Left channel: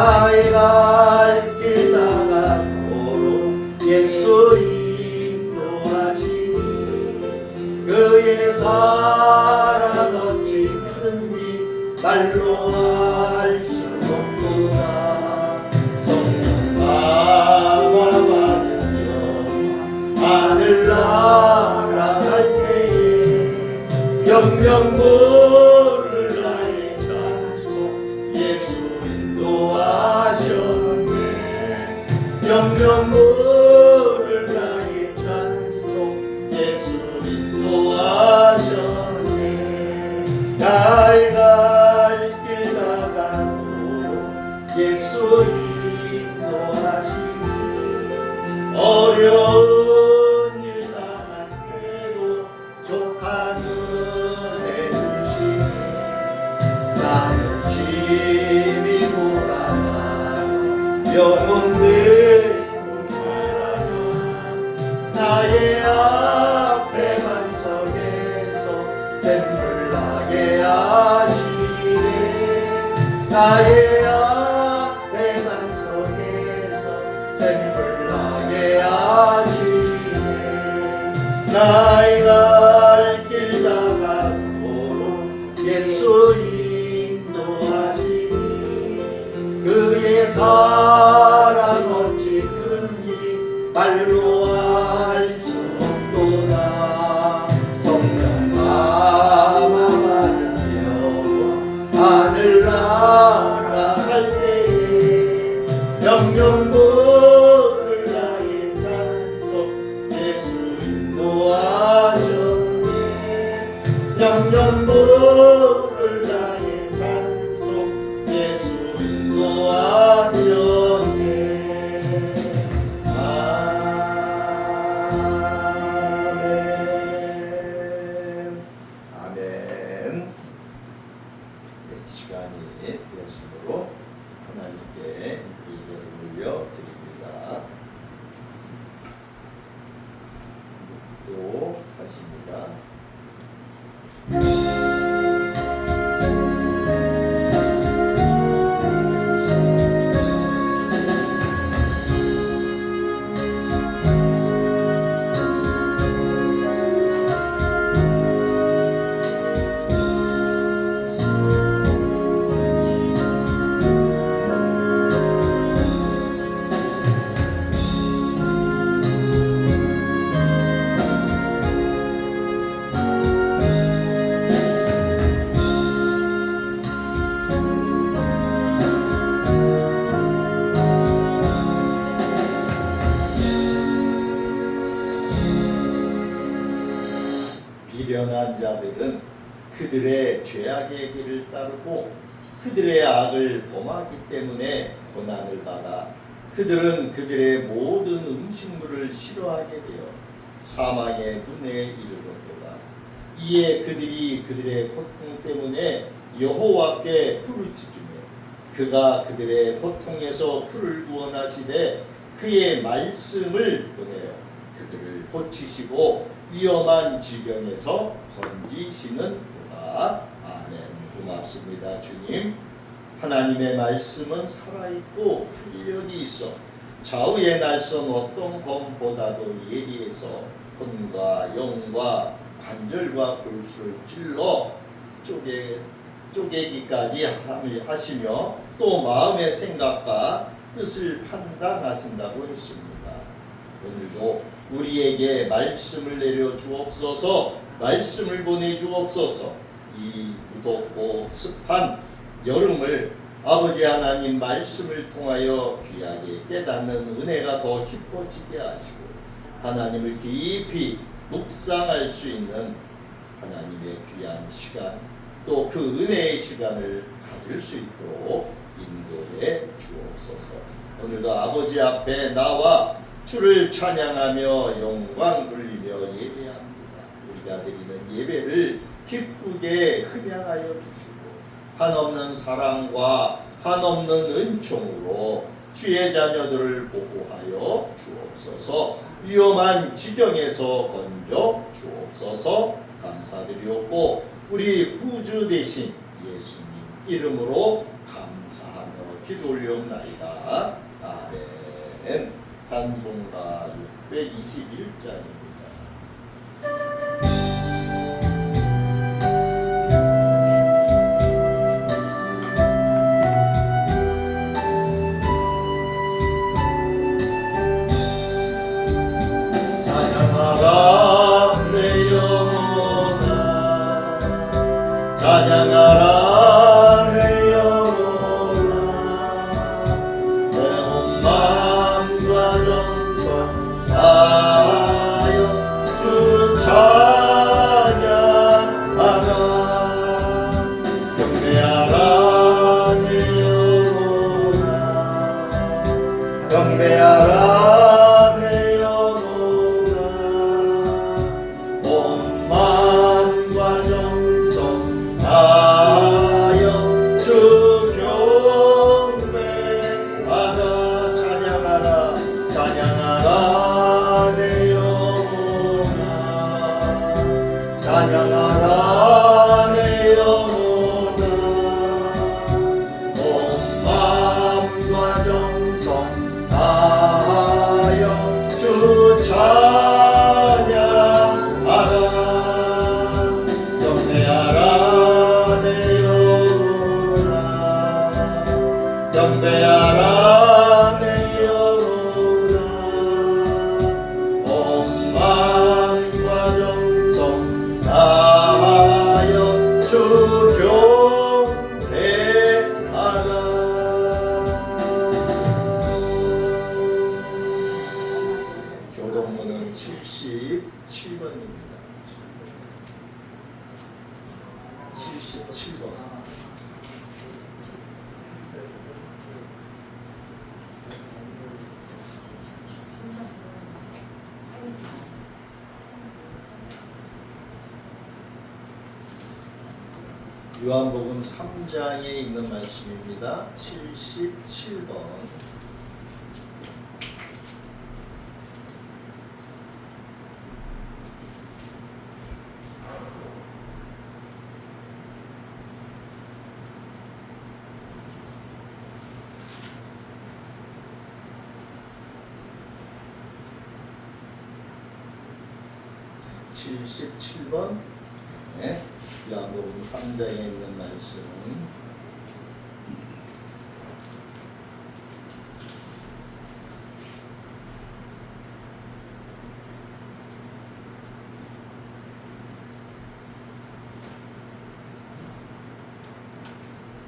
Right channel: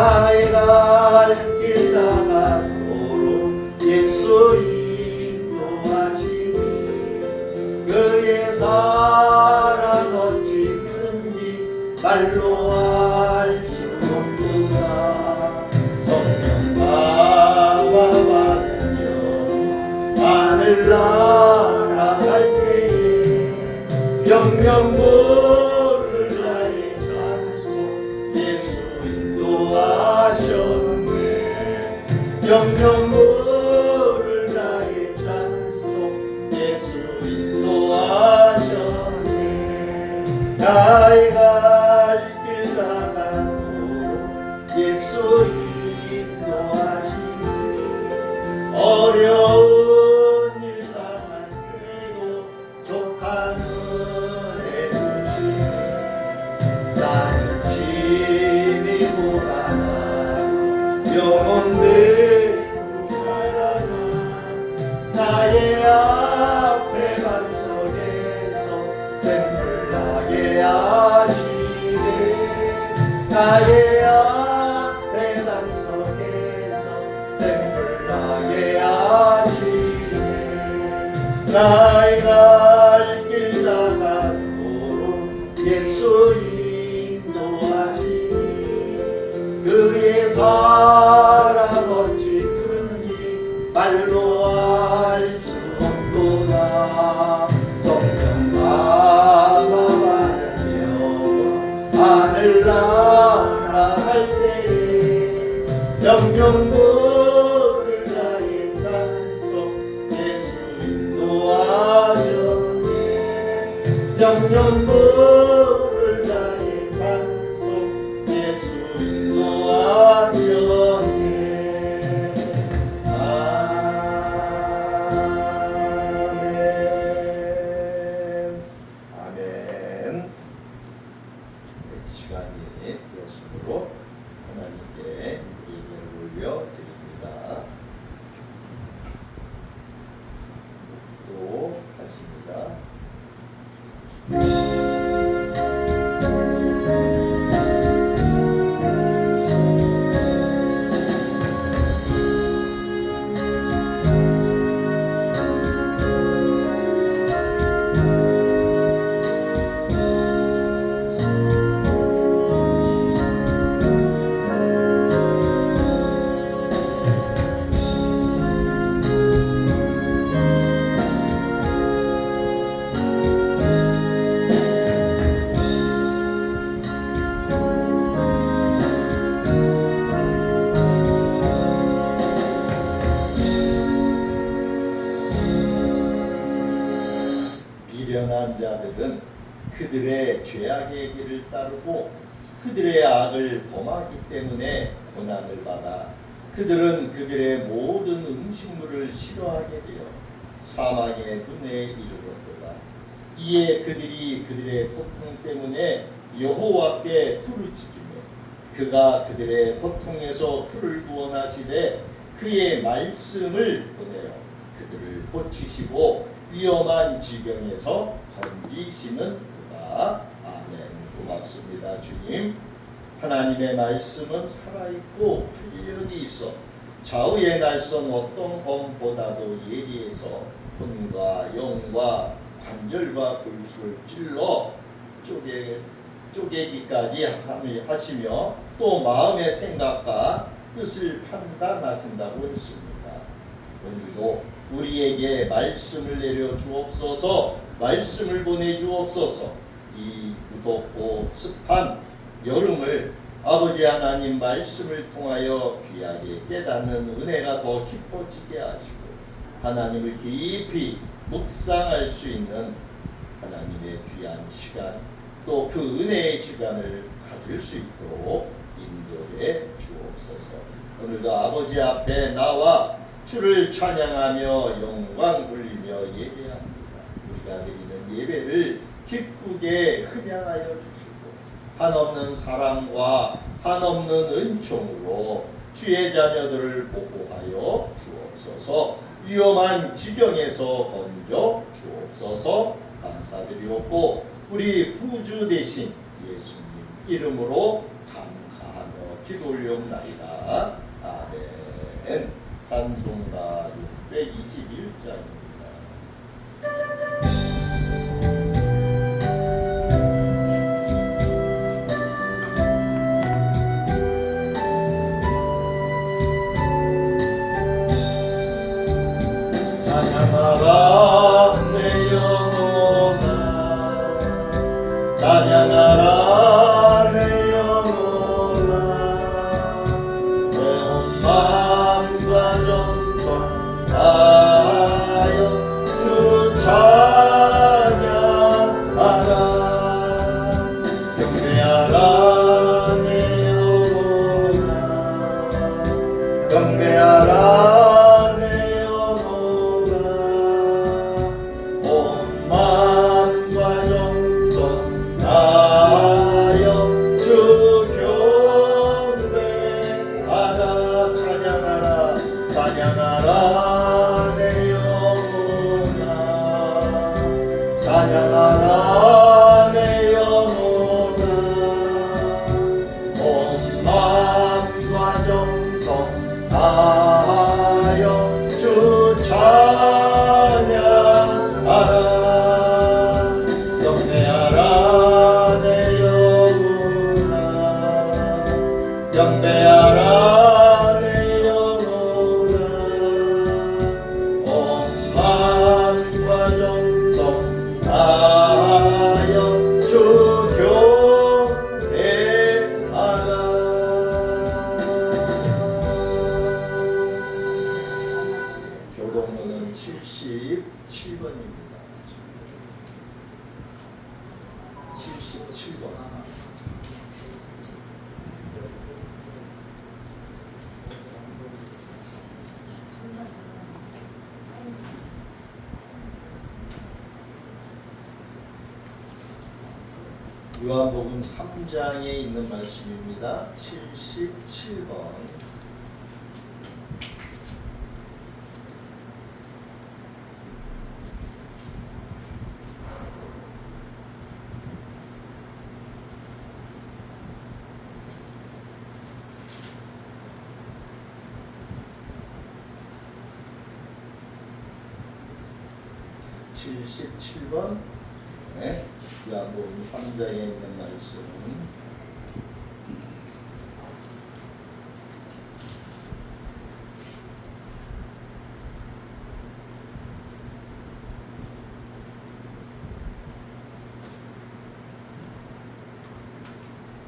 나의 갈 길 나가도록 예수 인도하시니 그의 사랑 어찌 큰지 말로 알 수 없구나. 성령 감화받으며 하늘나라 갈 때에 영영 물을 나의 장소 예수 인도하셨네. 영영 물을 나의 장소 예수 인도하셨네. 나의 갈 길 나가도록 예수 인도하시니 어려운 일 당한데도 족한 은혜 주시네. 나는 힘이 보다가 영혼 들고 살아가 나의 앞에 반석에서 샘물 나게 하시네. 나의 앞에 반석에서 샘물 나게 하시네. 나의 갈 길 나가도록 예수 인도하시니 그의 사랑 어찌 큰지 말로 알 수 없도다. 성령 감화받으며 하늘나라 갈 때에 영영 물을 나의 찬송 예수 인도하셨네. 영영 물을 나의 찬송 예수 인도하셨네. 아멘. 아멘. 네, 시간이 되었으므로 하나님께 예배를 올려드립니다. 묵도하십니다. 미련한 자들은 그들의 죄악의 길을 따르고 그들의 악을 범하기 때문에 고난을 받아 그들은 그들의 모든 음식물을 싫어하게 되어 사망의 문에 이르렀도다. 이에 그들이 그들의 고통 때문에 여호와께 부르짖으며 그가 그들의 고통에서 그를 구원하시되 그의 말씀을 보내어 그들을 고치시고 위험한 지경에서 건지시는도다. 아멘. 고맙습니다. 주님, 하나님의 말씀은 살아있고 활력이 있어 좌우의 날선 어떤 검보다도 예리해서 혼과 영과 관절과 골수를 찔러 쪼개기까지 하시며 또 마음의 생각과 뜻을 판단하신다고 했습니다. 오늘도 우리에게 말씀을 내려 주옵소서. 말씀을 보내 주옵소서. 이 무덥고 습한 여름을 아버지 하나님 말씀을 통하여 귀하게 깨닫는 은혜가 더 깊어지게 하시고 하나님을 깊이 묵상할 수 있는 하나님의 귀한 시간 또 그 은혜의 시간을 가질 수 있도록 인도해 주옵소서. 오늘도 아버지 앞에 나와 주를 찬양하며 영광 돌리며 예배합니다. 우리가 드리는 예배를 기쁘게 흠양하여 주시고 한없는 사랑과 한없는 은총으로 주의 자녀들을 보호하여 주옵소서. 위험한 지경에서 건져 주옵소서. 감사드리옵고 우리 구주 되신 예수님 이름으로 감사하며 기도 올려옵나이다. 아멘. 찬송가 621장입니다. 찬양하라 내 영혼아, 찬양하라 내 영혼아, 내 온 마음과 정성 다하여 주 찬양하라. 경배하라 내 영혼아, 경배하라 찬양하라 내 영혼아, 온 마음과 정성 다하여 주 찬양하라. 경배하라 내 영혼아, 경배하라 내 영혼아, 온 마음과 정성 다하여 주 경배하라. 교동문은 77번입니다. 77번. 요한복음 3장에 있는 말씀입니다. 77번. 네. 요한복음 3장에 있는 말씀.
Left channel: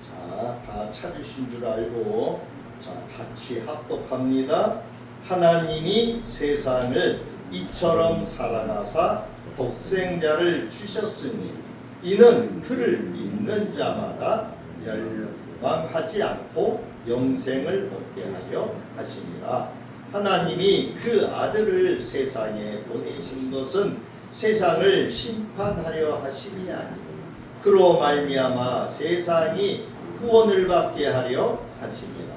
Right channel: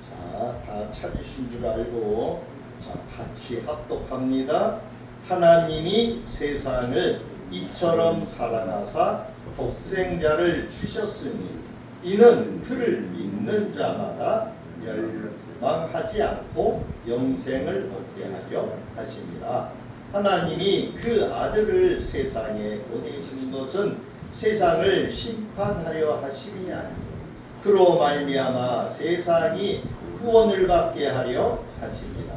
자, 다 찾으신 줄 알고 자, 같이 합독합니다. 하나님이 세상을 이처럼 사랑하사 독생자를 주셨으니 이는 그를 믿는 자마다 멸망하지 않고 영생을 얻게 하려 하심이라. 하나님이 그 아들을 세상에 보내신 것은 세상을 심판하려 하심이 아니요 그로 말미암아 세상이 구원을 받게 하려 하심이라.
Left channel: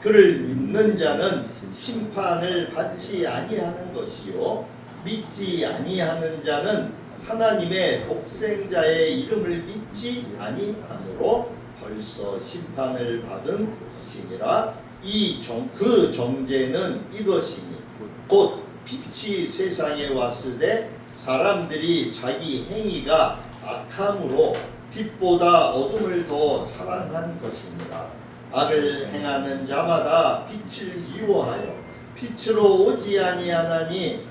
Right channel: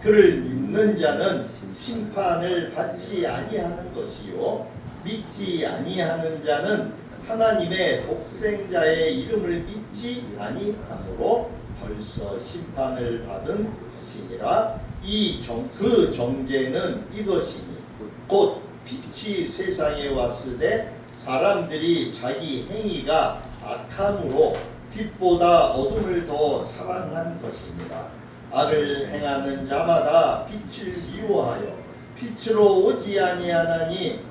그를 믿는 자는 심판을 받지 아니하는 것이요 믿지 아니하는 자는 하나님의 독생자의 이름을 믿지 아니하므로 벌써 심판을 받은 것이니라. 그 정죄는 이것이니 곧 빛이 세상에 왔을 때 사람들이 자기 행위가 악함으로 빛보다 어둠을 더 사랑한 것이니라. 악을 행하는 자마다 빛을 미워하여 빛으로 오지 아니하나니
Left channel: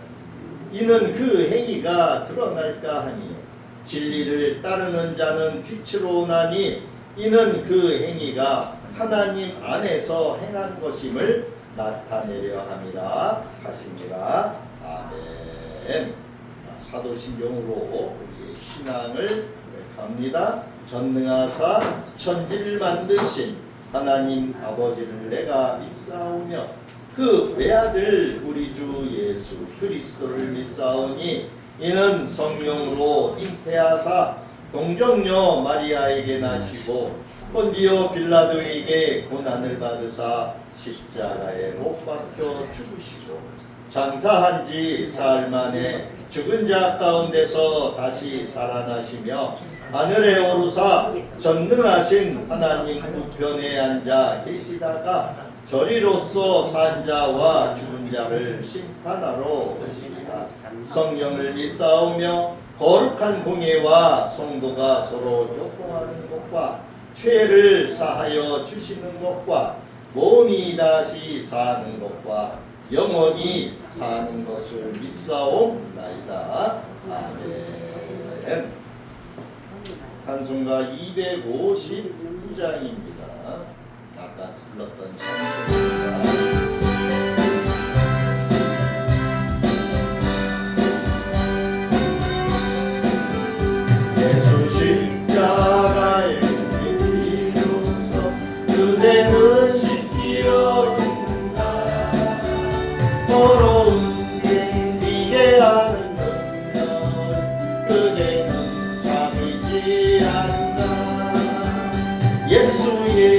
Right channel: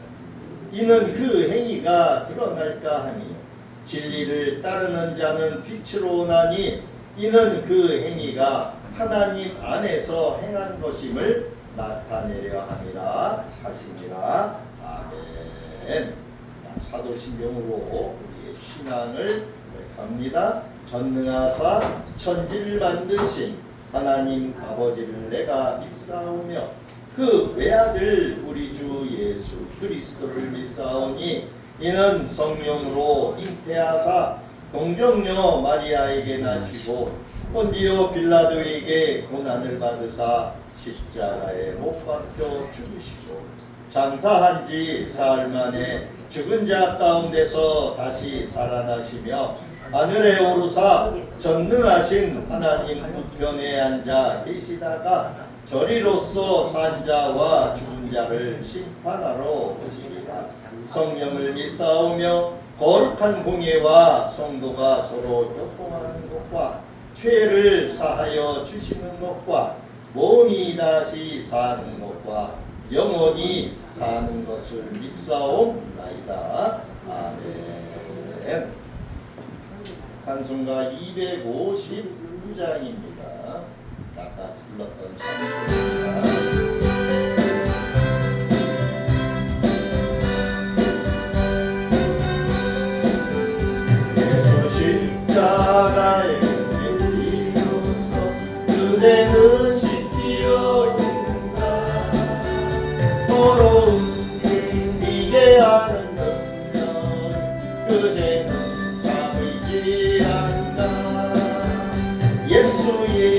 이는 그 행위가 드러날까 하니 진리를 따르는 자는 빛으로 오나니 이는 그 행위가 하나님 안에서 행한 것임을 나타내려 함이라 하시니라. 아멘. 사도신경으로 우리의 신앙을 고백합니다. 전능하사 천지를 만드신 하나님 아버지를 내가 믿사오며 그 외아들 우리 주 예수 그리스도를 믿사오니 이는 성령으로 잉태하사 동정녀 마리아에게 나시고 본디오 빌라도에게 고난을 받으사 십자가에 못 박혀 죽으시고 장사한 지 사흘 만에 죽은 자 가운데서 다시 살아나시며 하늘에 오르사 전능하신 하나님 우편에 앉아 계시다가 저리로서 산 자와 죽은 자를 심판하러 오시리라. 성령을 믿사오며 거룩한 공예와 성도가 서로 교통하는 것과 죄를 사하여 주시는 것과 몸이 다시 사는 것과 영원히 사는 것을 믿사옵나이다. 아멘. 찬송가 259장입니다. 아까 불렀던 찬송입니다.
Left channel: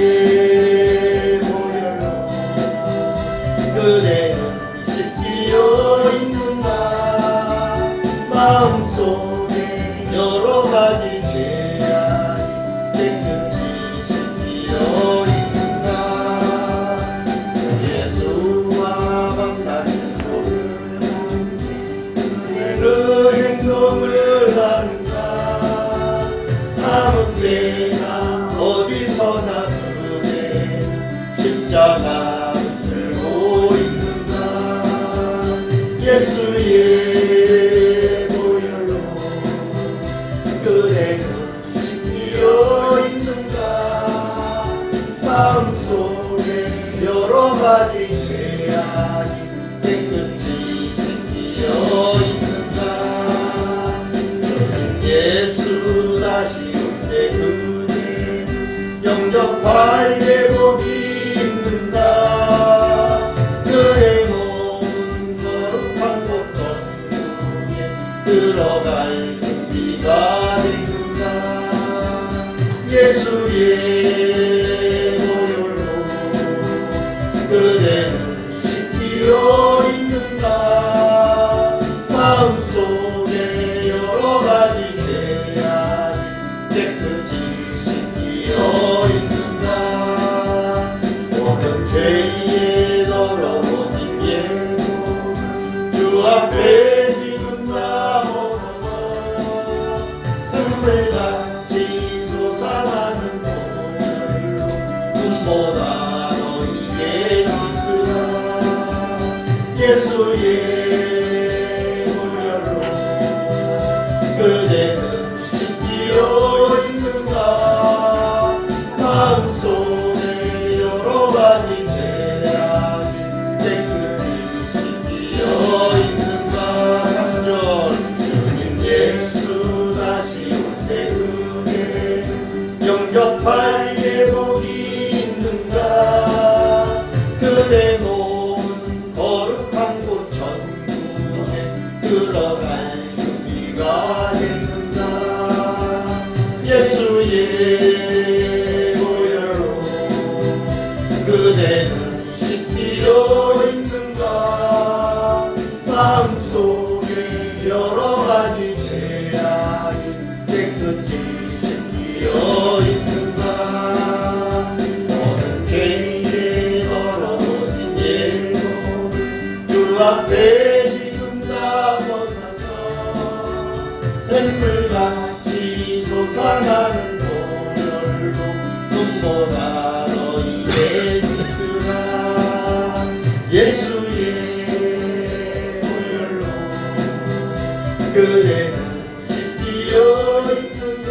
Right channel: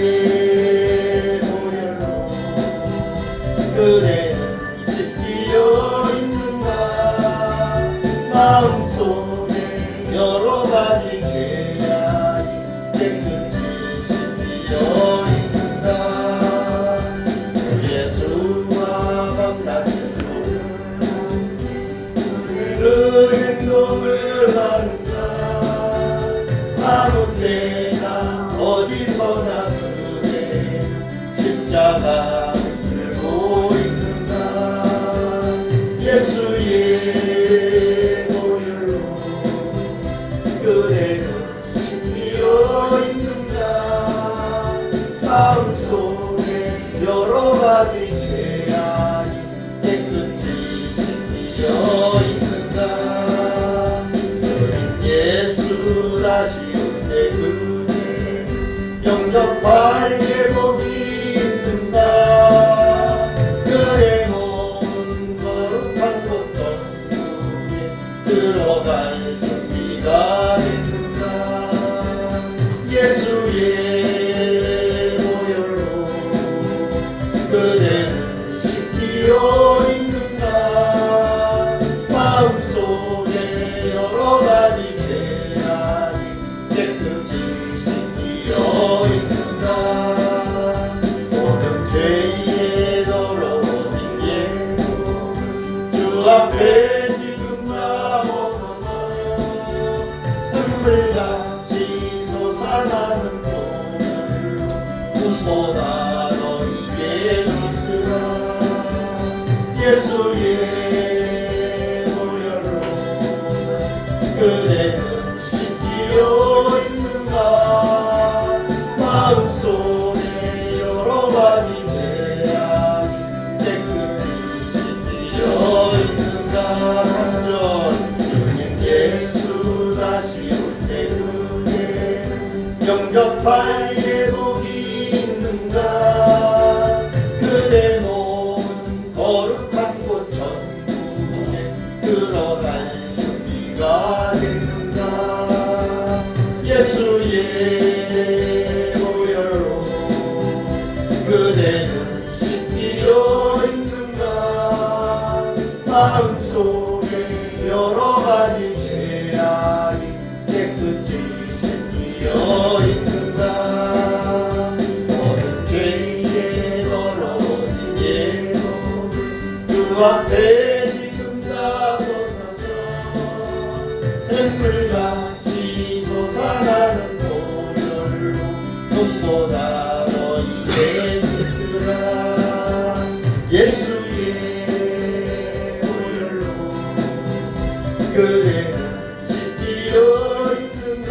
예수의 보혈로 그대는 씻기어 있는가. 마음속에 여러 가지 죄악이 깨끗이 씻기어 있는가. 예수와 만나는 그 행동을 하는가. 아무 때나 어디서나 그대 십자가 들고 있는가. 예수의 보혈로 그대는 씻기어 있는가. 마음속에 여러 가지 죄악이 깨끗이 씻기어 있는가. 예수 다시 온대 그대 영접할 예복이 있는가. 그의 몸은 거룩한 곳 전국에 들어갈 준비가 있는가. 예수의 보혈로 그대는 씻기어 있는가. 마음속에 여러 가지 죄악이 깨끗이 씻기어 있는가. 모든 죄에 더러워진 예복을 주 앞에 지금 나서서 샘물같이 솟아나는 보혈로 눈보다 너희에게 씻으라. 예수의 보혈로 그대는 씻기어 있는가. 마음속에 여러 가지 죄악이 깨끗이 씻기어 있는가. 한절 주님 예수 다시 올 때 그대 영접할 예복이 있는가. 그대 몸은 거룩한 곳 전국에 들어갈 준비가 됐는가. 예수의 보혈로 그대는 씻기어 있는가. 마음속에 여러 가지 죄악이 깨끗이 씻기어 있는가. 모든 죄에 더러워진 예복을 주 앞에 지금 나서서 샘물같이 솟아나는 보혈로 눈보다 너희의 씻으라. 예수의 보혈로 그대는 씻기어 있는가.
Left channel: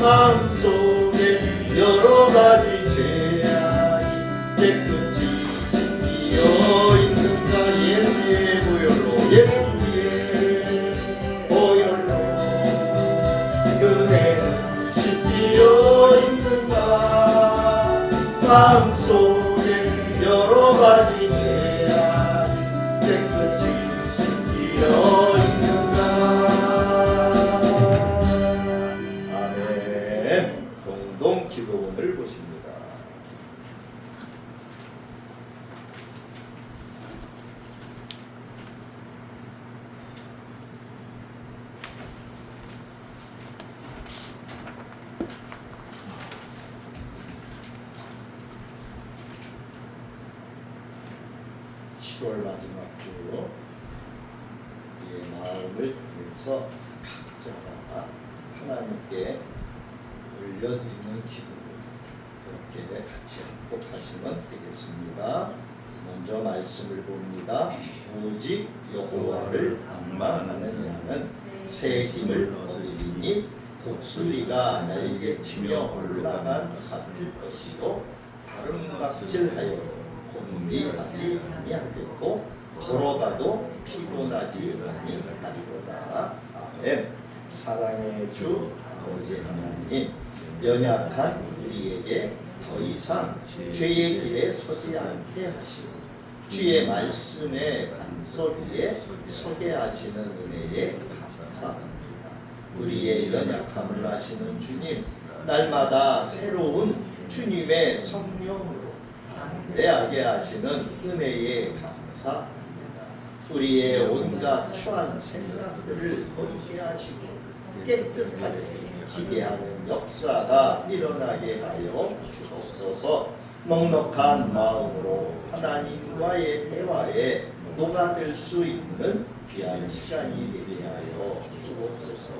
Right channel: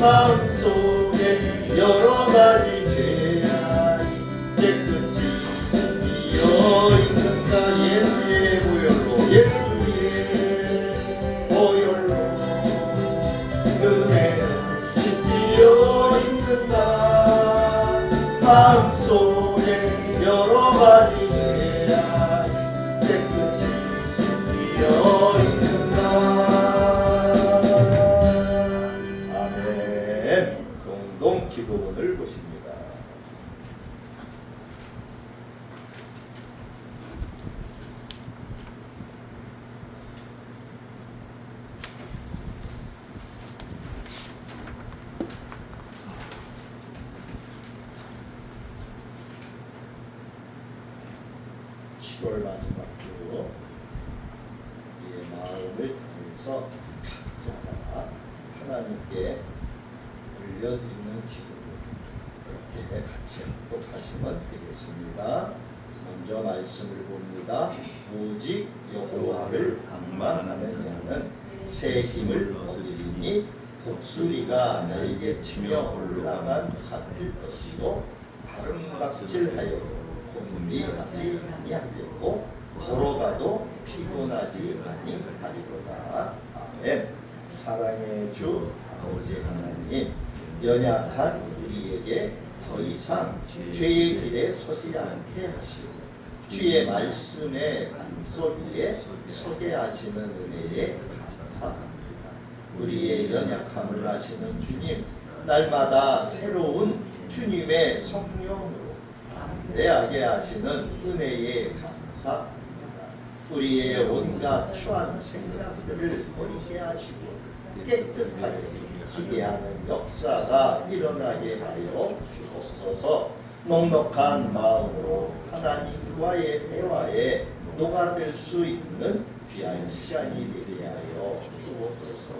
마음속에 여러 가지 죄악이 깨끗이 씻기어 있는가. 예수의 보혈로 예수의 보혈로 그대는 씻기어 있는가. 마음속에 여러 가지 죄악이 깨끗이 씻기어 있는가. 아멘. 공동 기도문을 보십니다. 7월 마지막 주 우리의 마음을 다해서 각자가 하나님께 올려드리는 기도 그렇게 같이 합독하시면 되겠습니다. 먼저 말씀을 봅니다. 오직 여호와를 방망하는 자는 새 힘을 얻으리니 독수리가 날개치며 올라간 같을 것이요 다른 각질하여 곤비하지 아니하겠고 걸어가도 피곤하지 아니하리로다. 아멘. 사랑의 주 아버지 하나님, 연약한 우리에게 더 이상 죄의 길에 서지 않게 하시고 주의 말씀의 반석 위에 서게 하시는 은혜에 감사합니다. 우리의 연약함을 아시는 주님, 날마다 새로운 주님의 성령으로 담대하게 하시는 은혜에 감사합니다. 우리의 온갖 추한 생각들을 버리게 하시고 깨끗하게 기대하는 역사가 일어나게 하여 주옵소서. 넉넉한 마음으로 하나님과의 대화에 녹아들 수 있는 귀한 시간이 되게 하여 주옵소서.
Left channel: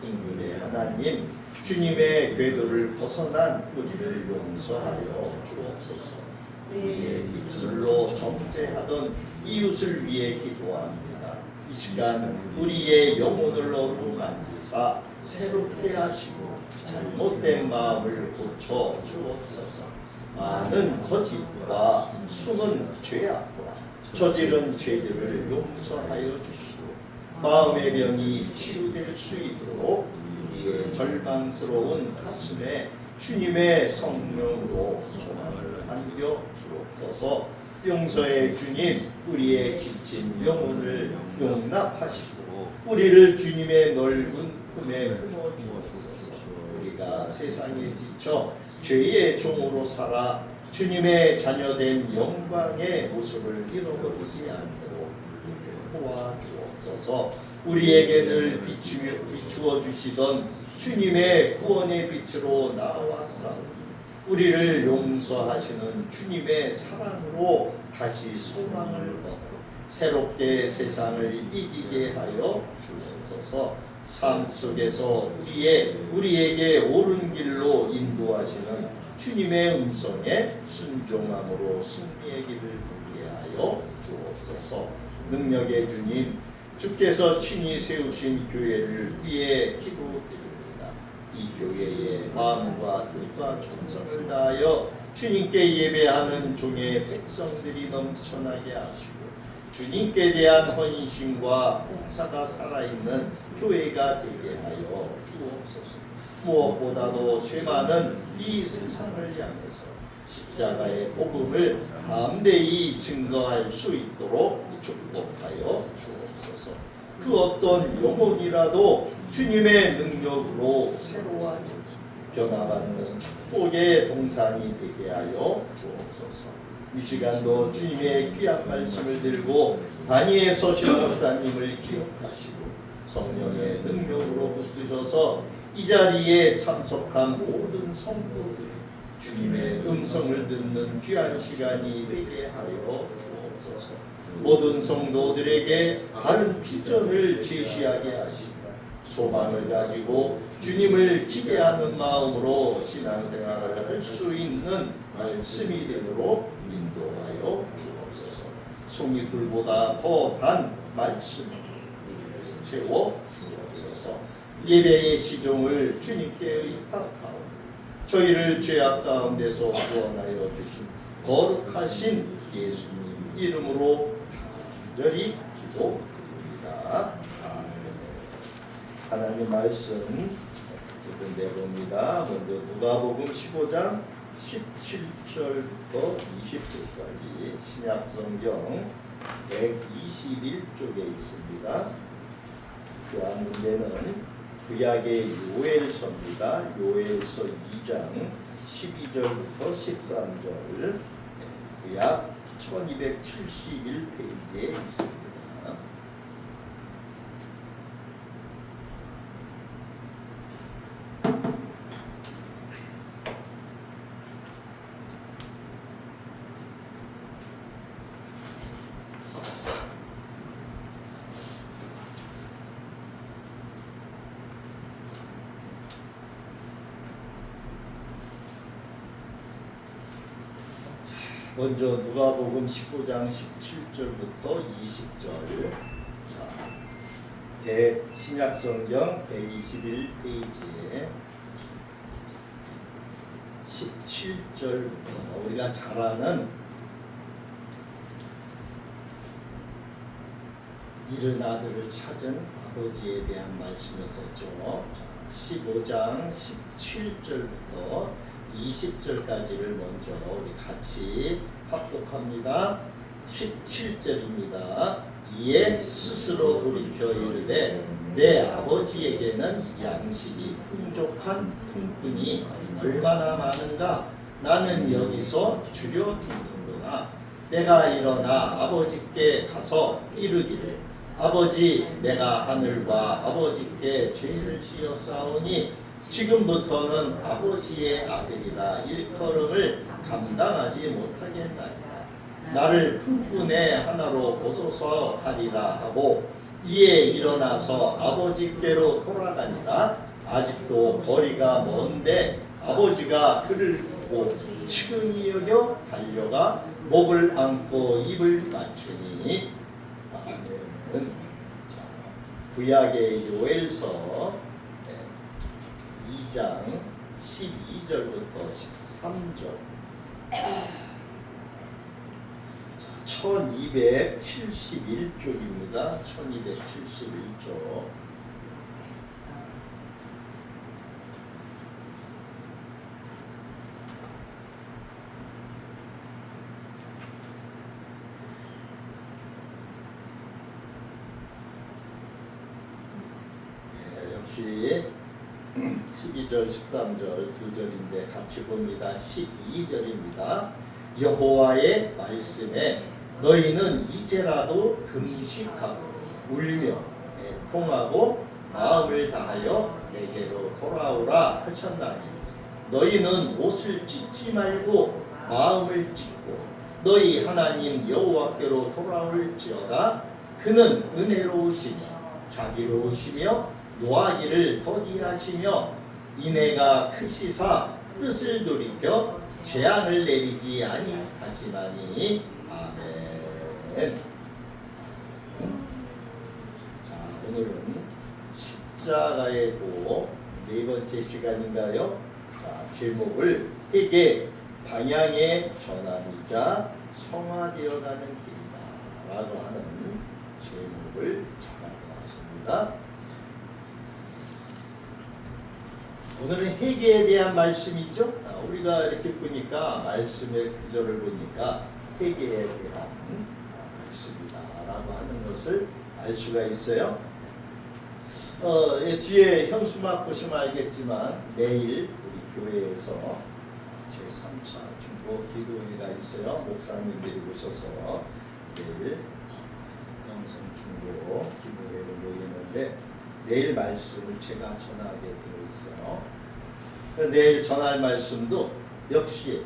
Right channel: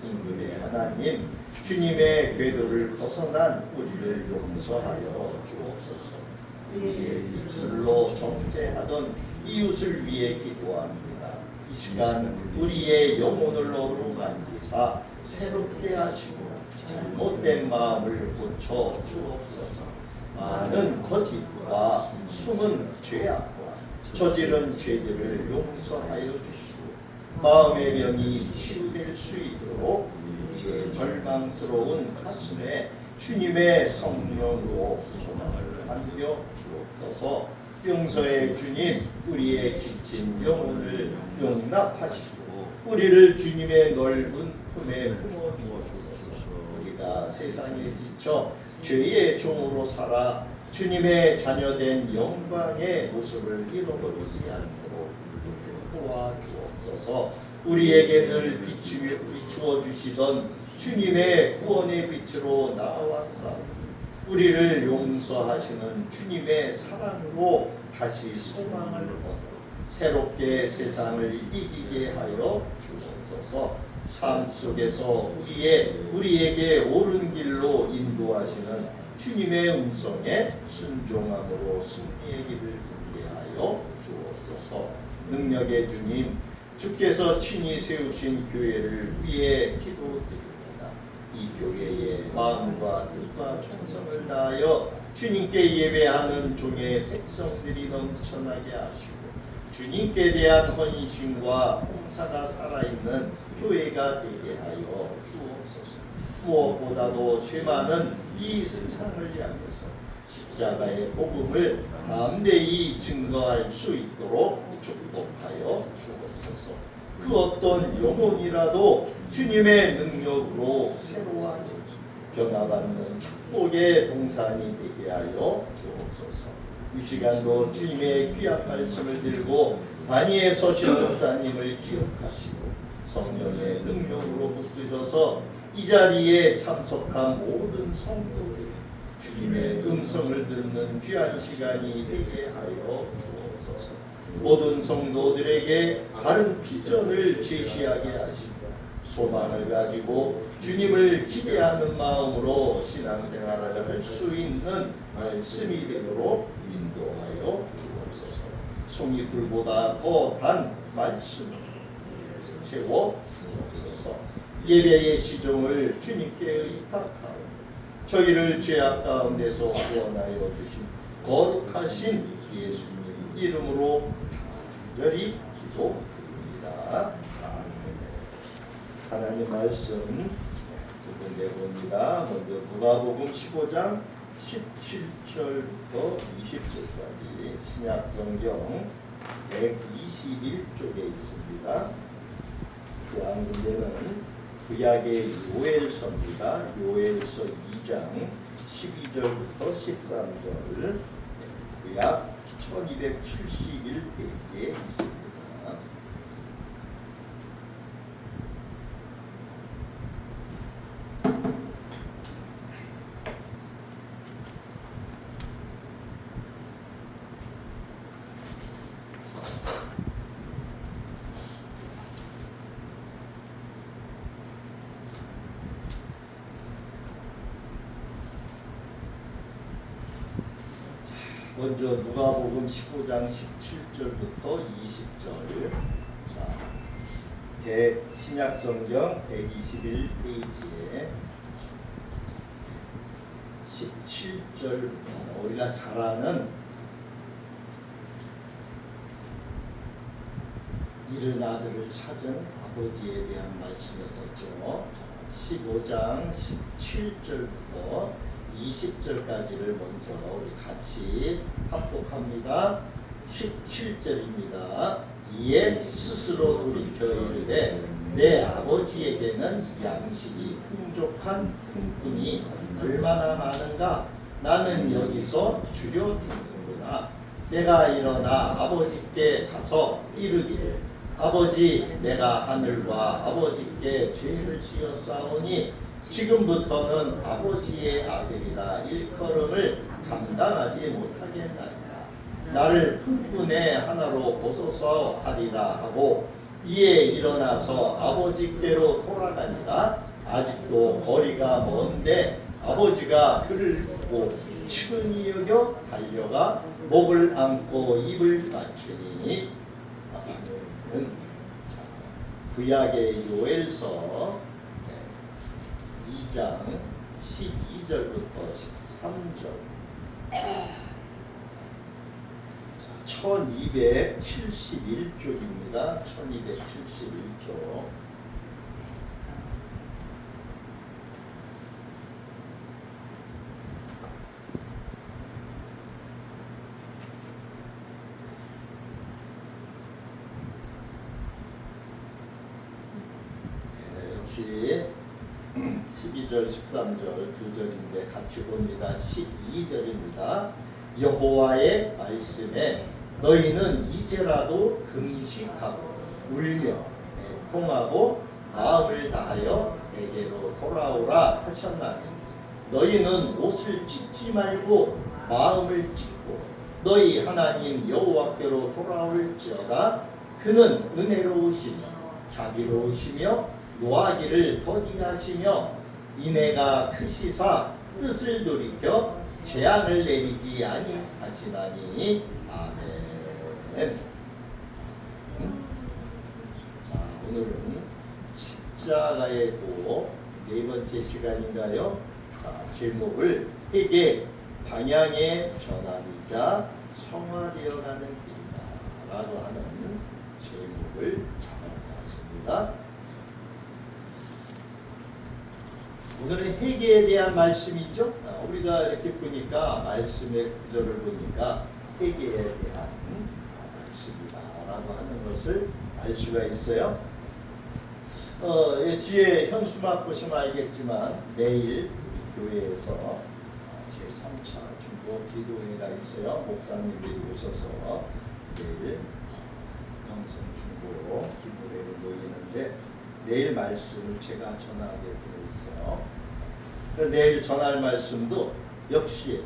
긍휼의 하나님, 주님의 궤도를 벗어난 우리를 용서하여 주옵소서. 우리의 입술로 정죄하던 이웃을 위해 기도합니다. 이 시간 우리의 영혼을 어루만지사 새롭게 하시고 잘못된 마음을 고쳐 주옵소서. 많은 거짓과 숨은 죄악과 저지른 죄들을 용서하여 주시고 마음의 병이 치유될 수 있도록 우리의 절망스러운 가슴에 주님의 성령으로 소망을 안겨 주옵소서. 용서의 주님, 우리의 지친 영혼을 용납하시고 우리를 주님의 넓은 품에 품어 주옵소서. 우리가 세상에 지쳐 죄의 종으로 살아 주님의 자녀된 영광의 모습을 잃어버리지 않도록 도와주옵소서. 우리에게 늘 비추어 주시던 주님의 구원의 빛으로 나아왔사오니 우리를 용서하시는 주님의 사랑으로 다시 소망을 얻어 새롭게 세상을 이기게 하여 주옵소서. 삶 속에서 우리에게 옳은 길로 인도하시는 주님의 음성에 순종함으로 승리의 길을 걷게 하여 주옵소서. 능력의 주님, 주께서 친히 세우신 교회를 위해 기도드립니다. 이 교회의 마음과 뜻과 충성을 다하여 주님께 예배하는 종의 백성들이 넘쳐나게 하시고 주님께 대한 헌신과 봉사가 살아있는 교회가 되게 하여 주옵소서. 무엇보다도 죄 많은 이 세상을 향해서 십자가의 복음을 담대히 증거할 수 있도록 축복하여 주옵소서. 그 어떤 영혼이라도 주님의 능력으로 새로워지고 변화받는 축복의 동산이 되게 하여 주옵소서. 이 시간도 주님의 귀한 말씀을 들고 단위에 서신 목사님을 기억하시고 성령의 능력으로 붙드셔서 이 자리에 참석한 모든 성도들이 주님의 음성을 듣는 귀한 시간이 되게 하여 주옵소서. 모든 성도들에게 바른 비전을 제시하게 하시고 소망을 가지고 주님을 기대하는 마음으로 신앙생활을 할 수 있는 말씀이 되도록 인도하여 주옵소서. 송이불보다 더 단 말씀을 채워 주옵소서. 예배의 시종을 주님께 의탁하오. 저희를 죄악 가운데서 구원하여 주신 거룩하신 예수님 이름으로 간절히 기도드립니다. 하나님 말씀 내봅니다. 먼저 누가복음 15장 17절부터 20절까지 신약성경 121쪽에 있습니다. 그 한 군데는 구약의 요엘서입니다. 요엘서 2장 12절부터 13절 구약 1271페이지에 있습니다. 먼저 누가복음 15장 17절부터 20절. 자, 신약성경 121페이지에 17절부터 우리가 잘 아는 이른 아들을 찾은 아버지에 대한 말씀이었었죠. 15장 17절부터 20절까지를 먼저 우리 같이 합독합니다. 17절입니다. 이에 스스로 돌이켜 이르되 내 아버지에게는 양식이 풍족한 품꾼이 얼마나 많은가. 나는 여기서 줄여 주는구나. 내가 일어나 아버지께 가서 이르기를 아버지, 내가 하늘과 아버지께 죄를 지었사오니 지금부터는 아버지의 아들이라 일컬음을 감당하지 못하겠나이다. 나를 품꾼의 하나로 보소서 하리라 하고 이에 일어나서 아버지께로 돌아가니라. 아직도 거리가 먼데 아버지가 그를 보고 측은히 여겨 달려가 목을 안고 입을 맞추니. 아멘. 자, 구약의 요엘서 2장 12절부터 13절. 1271쪽입니다. 1271쪽. 역시 12절 13절 두 절인데 같이 봅니다. 12절입니다. 여호와의 말씀에 너희는 이제라도 금식하고 울며 애통하고 마음을 다하여 내게로 돌아오라 하셨나니 너희는 옷을 찢지 말고 마음을 찢고 너희 하나님 여호와께로 돌아올지어다. 그는 은혜로우시며 자비로우시며 노하기를 더디하시며 인애가 크시사 뜻을 돌이켜 재앙을 내리지 아니하시나니. 아멘. 자, 오늘은 십자가의 도 네 번째 시간인가요? 자, 제목을 회개 방향의 전환이자 성화되어가는 길이다라고 하는 제목을 잡아봤습니다. 오늘은 회개에 대한 말씀이죠. 우리가 이렇게 보니까 말씀의 구절을 보니까 회개에 대한 말씀이다라고 하는 것을 알 수가 있어요. 뒤에 현수막 보시면 알겠지만 내일 우리 교회에서 제3차 중보 기도회가 있어요. 목사님들이 오셔서 내일 영성 중보 기도회를 모이는데 내일 말씀을 제가 전하게 되어 있어요. 내일 전할 말씀도 역시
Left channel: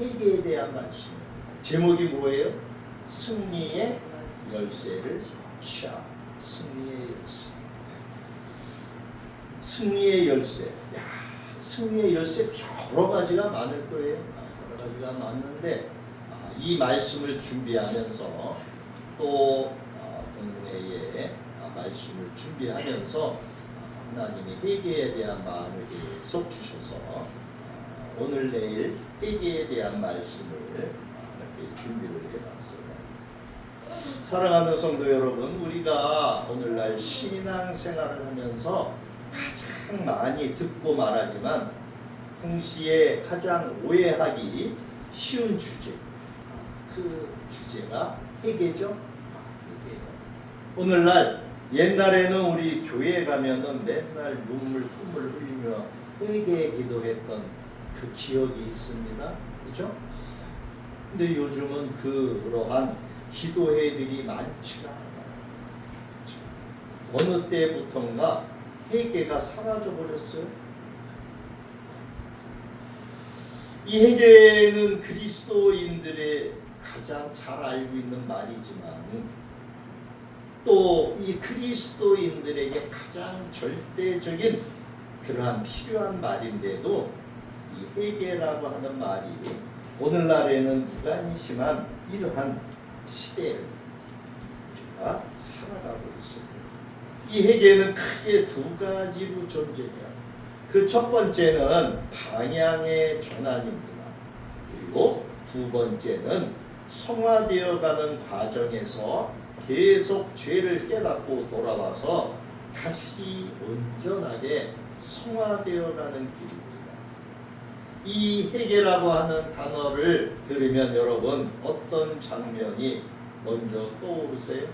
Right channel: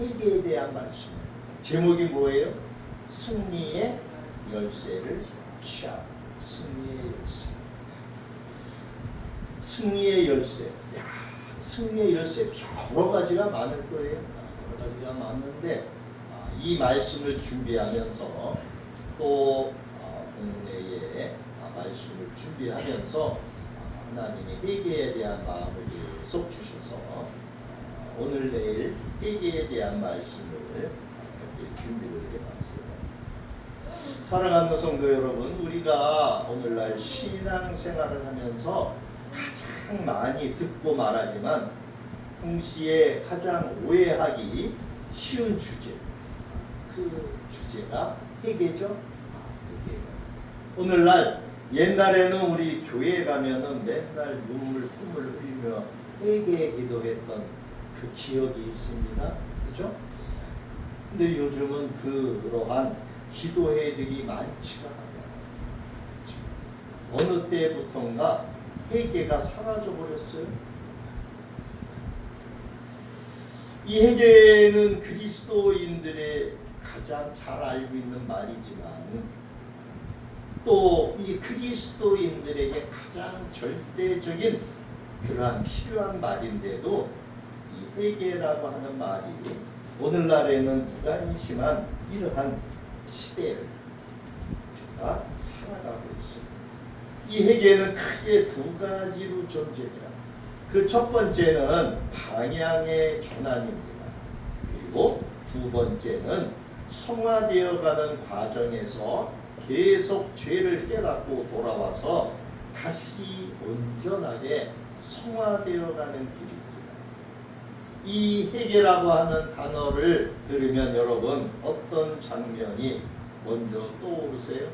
회개에 대한 말씀입니다. 제목이 뭐예요? 승리의 열쇠를 취하라. 승리의 열쇠. 승리의 열쇠. 야, 승리의 열쇠 여러 가지가 많을 거예요. 여러 가지가 많은데 이 말씀을 준비하면서 또 동네에 말씀을 준비하면서 하나님이 회개에 대한 마음을 계속 주셔서 오늘 내일 회개에 대한 말씀을 이렇게 준비를 해봤어요. 사랑하는 성도 여러분, 우리가 오늘날 신앙생활을 하면서 가장 많이 듣고 말하지만 동시에 가장 오해하기 쉬운 주제, 그 주제가 회개죠. 회개. 오늘날 옛날에는 우리 교회에 가면은 맨날 눈물 흘리며 회개 기도했던 그 기억이 있습니다. 그렇죠? 근데 요즘은 그러한 기도회들이 많지가 않아요. 어느 때부터인가 회개가 사라져 버렸어요. 이 회개는 그리스도인들의 가장 잘 알고 있는 말이지만 또 이 그리스도인들에게 가장 절대적인 그러한 필요한 말인데도 이 회개라고 하는 말이 오늘날에는 무관심한 이러한 시대를 우리가 살아가고 있습니다. 이 회개는 크게 두 가지로 존재해요. 그 첫 번째는 방향의 전환입니다. 그리고 두 번째는 성화되어가는 과정에서 계속 죄를 깨닫고 돌아와서 다시 온전하게 성화되어가는 길입니다. 이 회개라고 하는 단어를 들으면 여러분 어떤 장면이 먼저 떠오르세요?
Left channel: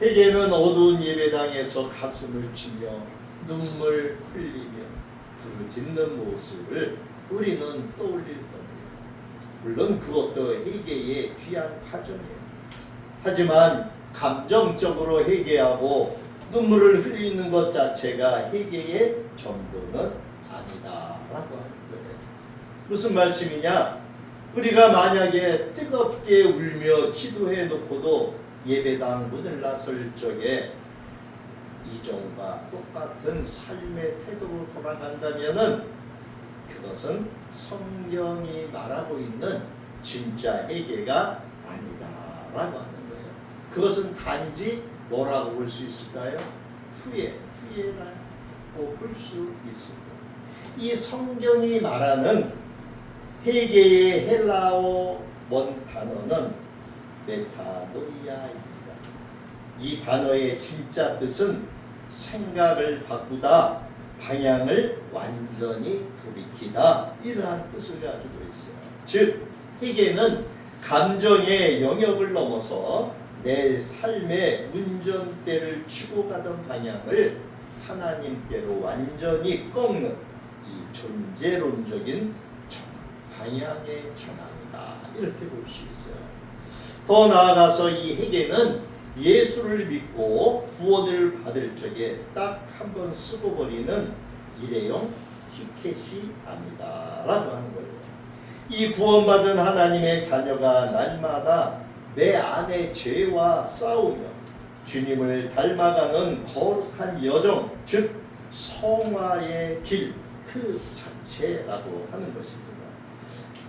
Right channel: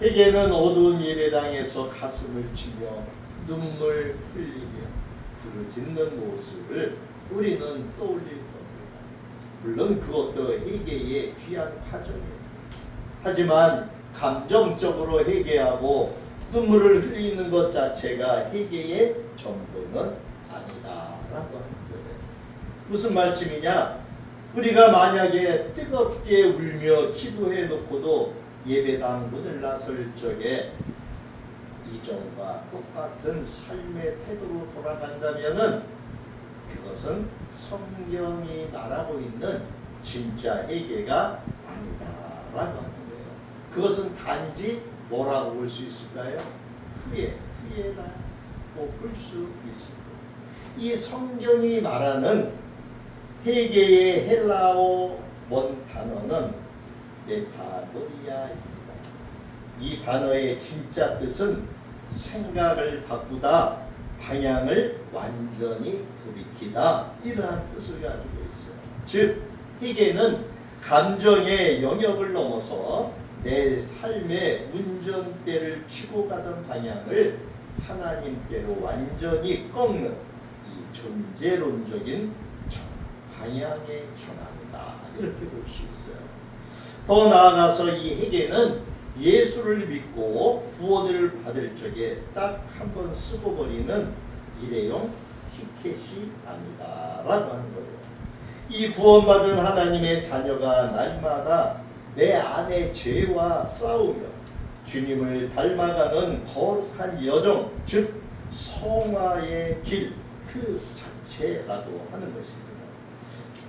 회개는 어두운 예배당에서 가슴을 치며 눈물 흘리며 부르짖는 모습을 우리는 떠올릴 겁니다. 물론 그것도 회개의 귀한 과정이에요. 하지만 감정적으로 회개하고 눈물을 흘리는 것 자체가 회개의 전부는 아니다라고 하는 거예요. 무슨 말씀이냐? 우리가 만약에 뜨겁게 울며 기도해 놓고도 예배당 문을 나설 적에 이전과 똑같은 삶의 태도로 돌아간다면은 그것은 성경이 말하고 있는 진짜 회개가 아니다라고 하는 거예요. 그것은 단지 뭐라고 볼 수 있을까요? 후회라고 볼 수 있습니다. 이 성경이 말하는 회개의 헬라어 원 단어는 메타노이아입니다. 이 단어의 진짜 뜻은 생각을 바꾸다, 방향을 완전히 돌이키다, 이러한 뜻을 가지고 있어요. 즉, 회개는 감정의 영역을 넘어서 내 삶의 운전대를 치고 가던 방향을 하나님께로 완전히 꺾는 이 존재론적인 방향의 전환이다, 이렇게 볼 수 있어요. 더 나아가서 이 회개는 예수를 믿고 구원을 받을 적에 딱 한 번 쓰고 버리는 일회용 티켓이 아니다라고 하는 거예요. 이 구원받은 하나님의 자녀가 날마다 내 안의 죄와 싸우며 주님을 닮아가는 거룩한 여정, 즉 성화의 길 그 자체라고 하는 것입니다.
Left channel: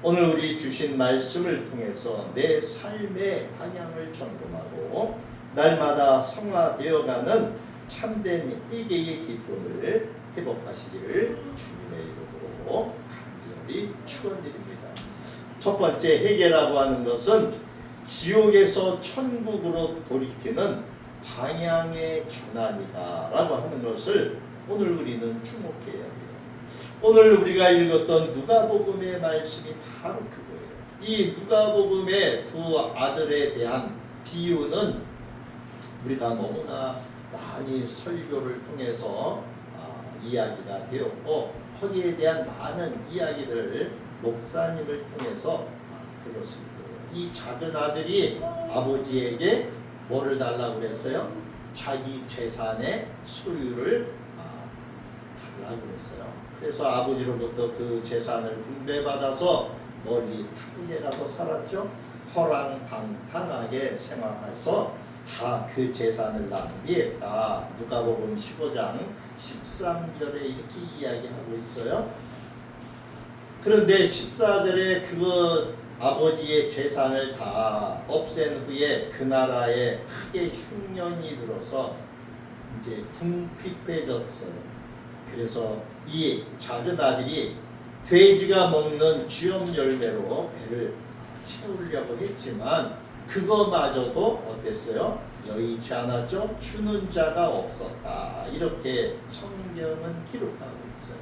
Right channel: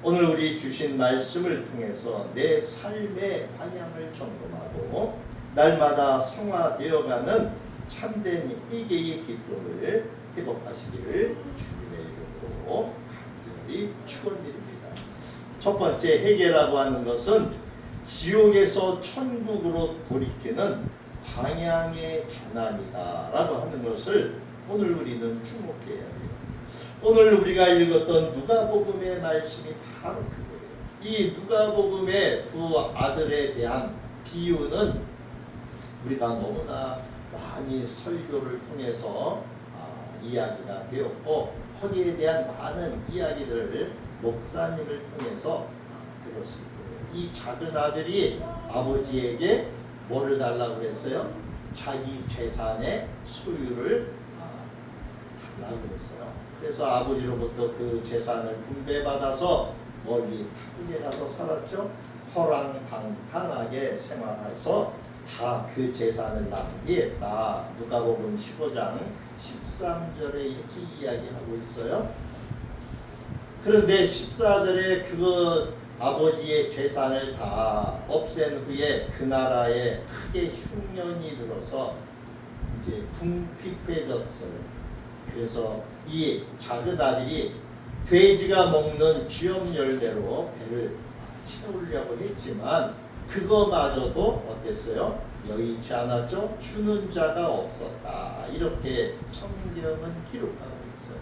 오늘 우리 주신 말씀을 통해서 내 삶의 방향을 점검하고 날마다 성화되어가는 참된 회개의 기쁨을 회복하시기를 주님의 이름으로 간절히 축원드립니다. 첫 번째, 회개라고 하는 것은 지옥에서 천국으로 돌이키는 방향의 전환이다라고 하는 것을 오늘 우리는 주목해야 돼요. 오늘 우리가 읽었던 누가복음의 말씀이 바로 그거예요. 이 누가복음의 두 아들에 대한 비유는 우리가 너무나 많이 설교를 통해서 이야기가 되었고, 거기에 대한 많은 이야기들을 목사님을 통해서 들었을 거예요. 이 작은 아들이 아버지에게 뭐를 달라고 그랬어요? 자기 재산의 소유를 달라고 그랬어요. 그래서 아버지로부터 그 재산을 분배받아서 멀리 타국에 가서 살았죠. 허랑방탕하게 생활해서 다 그 재산을 낭비했다. 누가복음 15장 13절에 이렇게 이야기하고 있어요. 그런데 14절에 그 아버지의 재산을 다 없앤 후에 그 나라에 크게 흉년이 들어서 이제 궁핍해졌어요. 그래서 이 작은 아들이 돼지가 먹는 쥐염 열매로 배를 채우려고 했지만 그거마저도 어땠어요? 여의치 않았죠? 주는 자가 없었다. 이렇게 성경은 기록하고 있어요.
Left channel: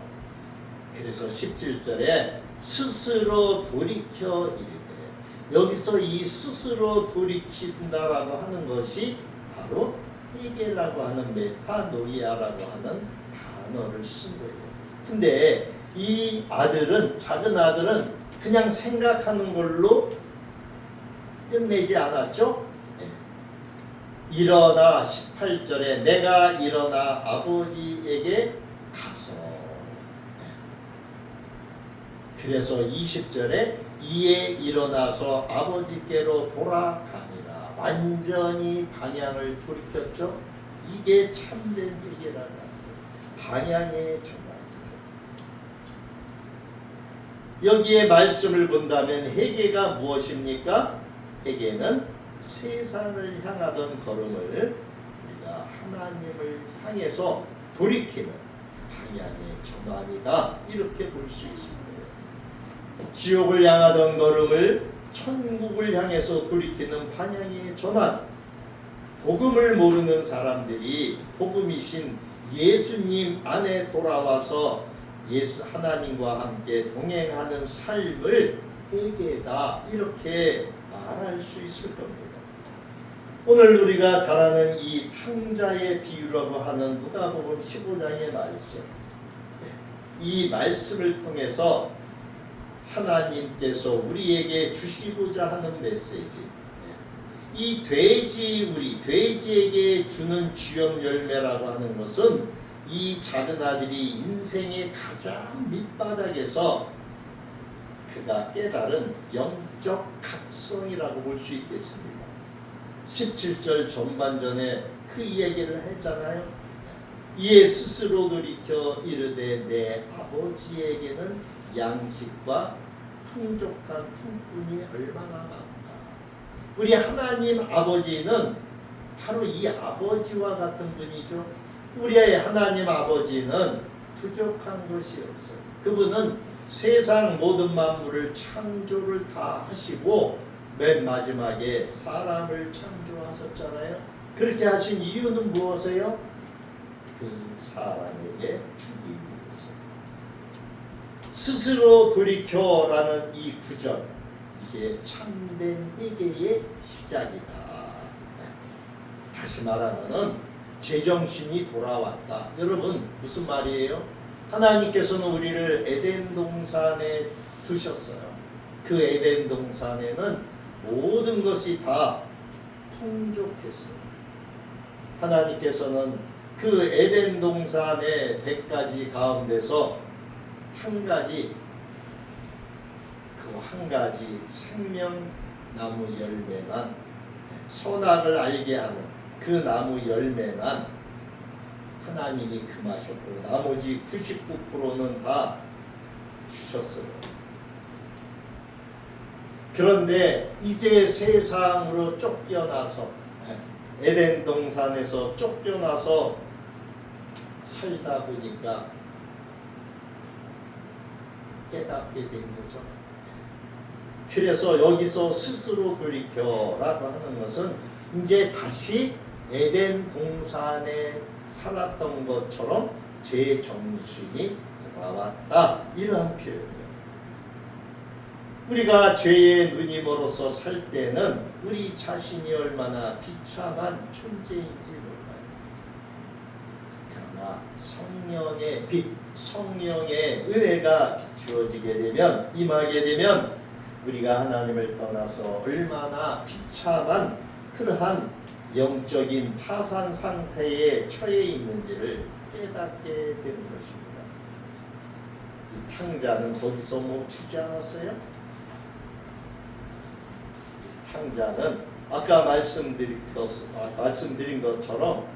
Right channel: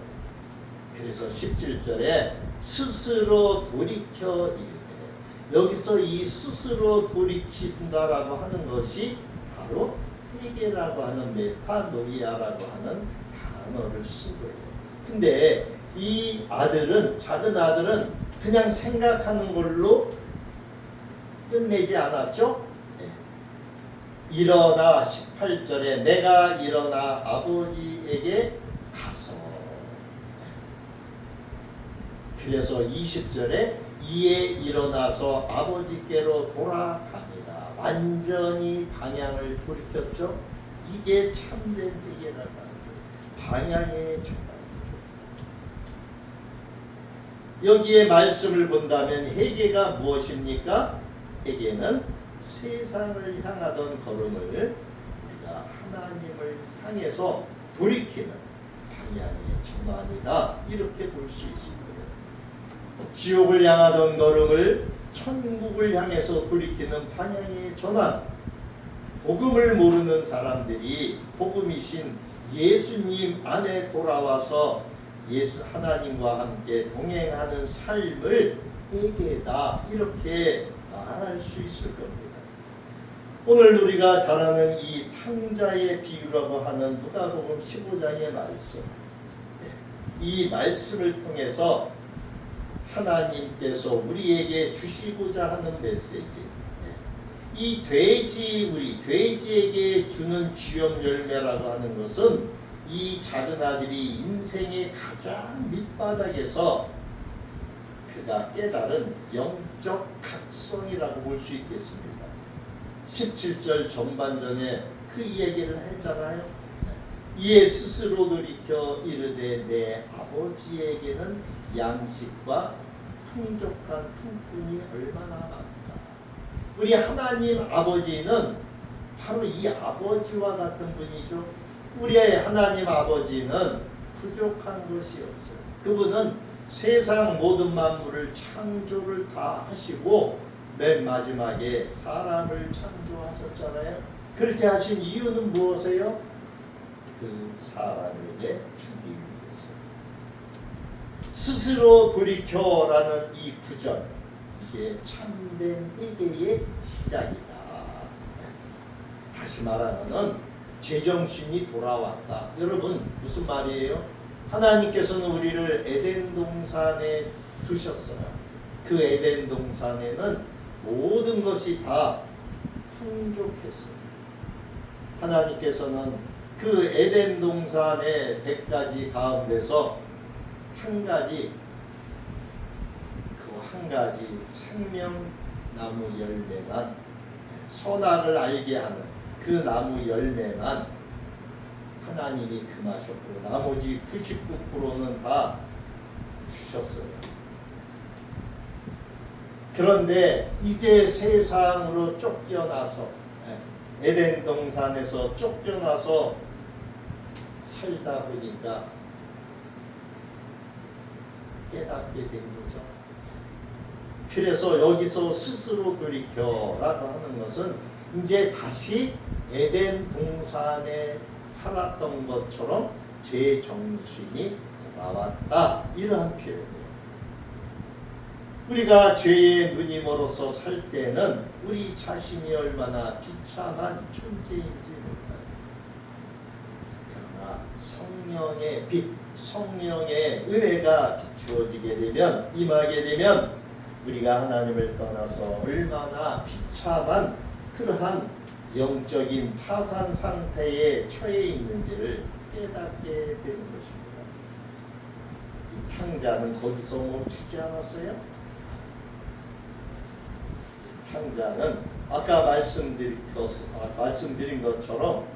그래서 17절에 스스로 돌이켜 이르되, 여기서 이 스스로 돌이킨다라고 하는 것이 바로 회개라고 하는 메타노이아라고 하는 단어를 쓴 거예요. 근데 이 아들은, 작은 아들은 그냥 생각하는 걸로 끝내지 않았죠? 네. 일어나 18절에 내가 일어나 아버지에게 가서, 네. 그래서 20절에 이에 일어나서 아버지께로 돌아가니라. 완전히 방향을 돌이켰죠? 이게 참된 회개라고 하는 거예요. 방향의 전환이죠. 여기에 말씀을 본다면 회개가 무엇입니까? 회개는 세상을 향하던 걸음을 우리가 하나님을 향해서 돌이키는 방향의 전환이다, 이렇게 볼 수 있습니다. 지옥을 향하던 걸음을 천국을 향해서 돌이키는 방향의 전환. 복음을 모르는 사람들이 복음이신 예수님 안에 돌아와서 예수 하나님과 함께 동행하는 삶을 회개다, 이렇게 말할 수 있을 겁니다. 오늘 우리가 잘 아는 이 탕자의 비유라고 하는 누가복음 15장의 말씀, 이 말씀을 통해서 하나님께서 우리에게 주시고자 하는 메시지, 이 돼지에게 주는 주염 열매라고 하는 것은 이 작은 아들이 인생의 가장 밑바닥에서 그가 깨달은 영적 각성이라고 볼 수 있겠습니다. 17절 전반전에 그 이야기를 했잖아요. 이에 스스로 돌이켜 이르되 내 아버지에게는 양식과 풍족한 품꾼이 얼마나 많은가. 우리 하나님 아버지는 바로 이 아버지와 같은 분이죠. 우리의 하나님 아버지는 부족한 것이 없어요. 그분은 세상 모든 만물을 창조를 다 하시고 맨 마지막에 사람을 창조하셨잖아요. 그렇게 하신 이유는 무엇이에요? 그 사람에게 주기 위해서. 스스로 돌이켜라는 이 구절, 이게 참된 회개의 시작이다. 다시 말하면은 제정신이 돌아왔다. 여러분, 무슨 말이에요? 하나님께서는 우리를 에덴 동산에 두셨어요. 그 에덴 동산에는 모든 것이 다 풍족했어요. 하나님께서는 그 에덴 동산의 100가지 가운데서 한 가지 생명나무 열매만, 선악을 알게 하는 그 나무 열매만 하나님이 금하셨고 나머지 99%는 다 주셨어요. 그런데 이제 세상으로 쫓겨나서, 에덴 동산에서 쫓겨나서 살다 보니까 깨닫게 된 거죠. 그래서 여기서 스스로 돌이켜라고 하는 것은 이제 다시 에덴 동산에 살았던 것처럼 제 정신이 돌아왔다, 이러한 표현이에요. 우리가 죄의 누님으로서 살 때는 우리 자신이 얼마나 비참한 존재인지 몰라요. 그러나 성령의 빛, 성령의 은혜가 비추어지게 되면, 임하게 되면 우리가 하나님을 떠나서 얼마나 비참한 그러한 영적인 파산 상태에 처해 있는지를 깨닫게 되는 것입니다. 이 탕자는 거기서 멈추지 않았어요. 이 탕자는 아까 말씀드린 것처럼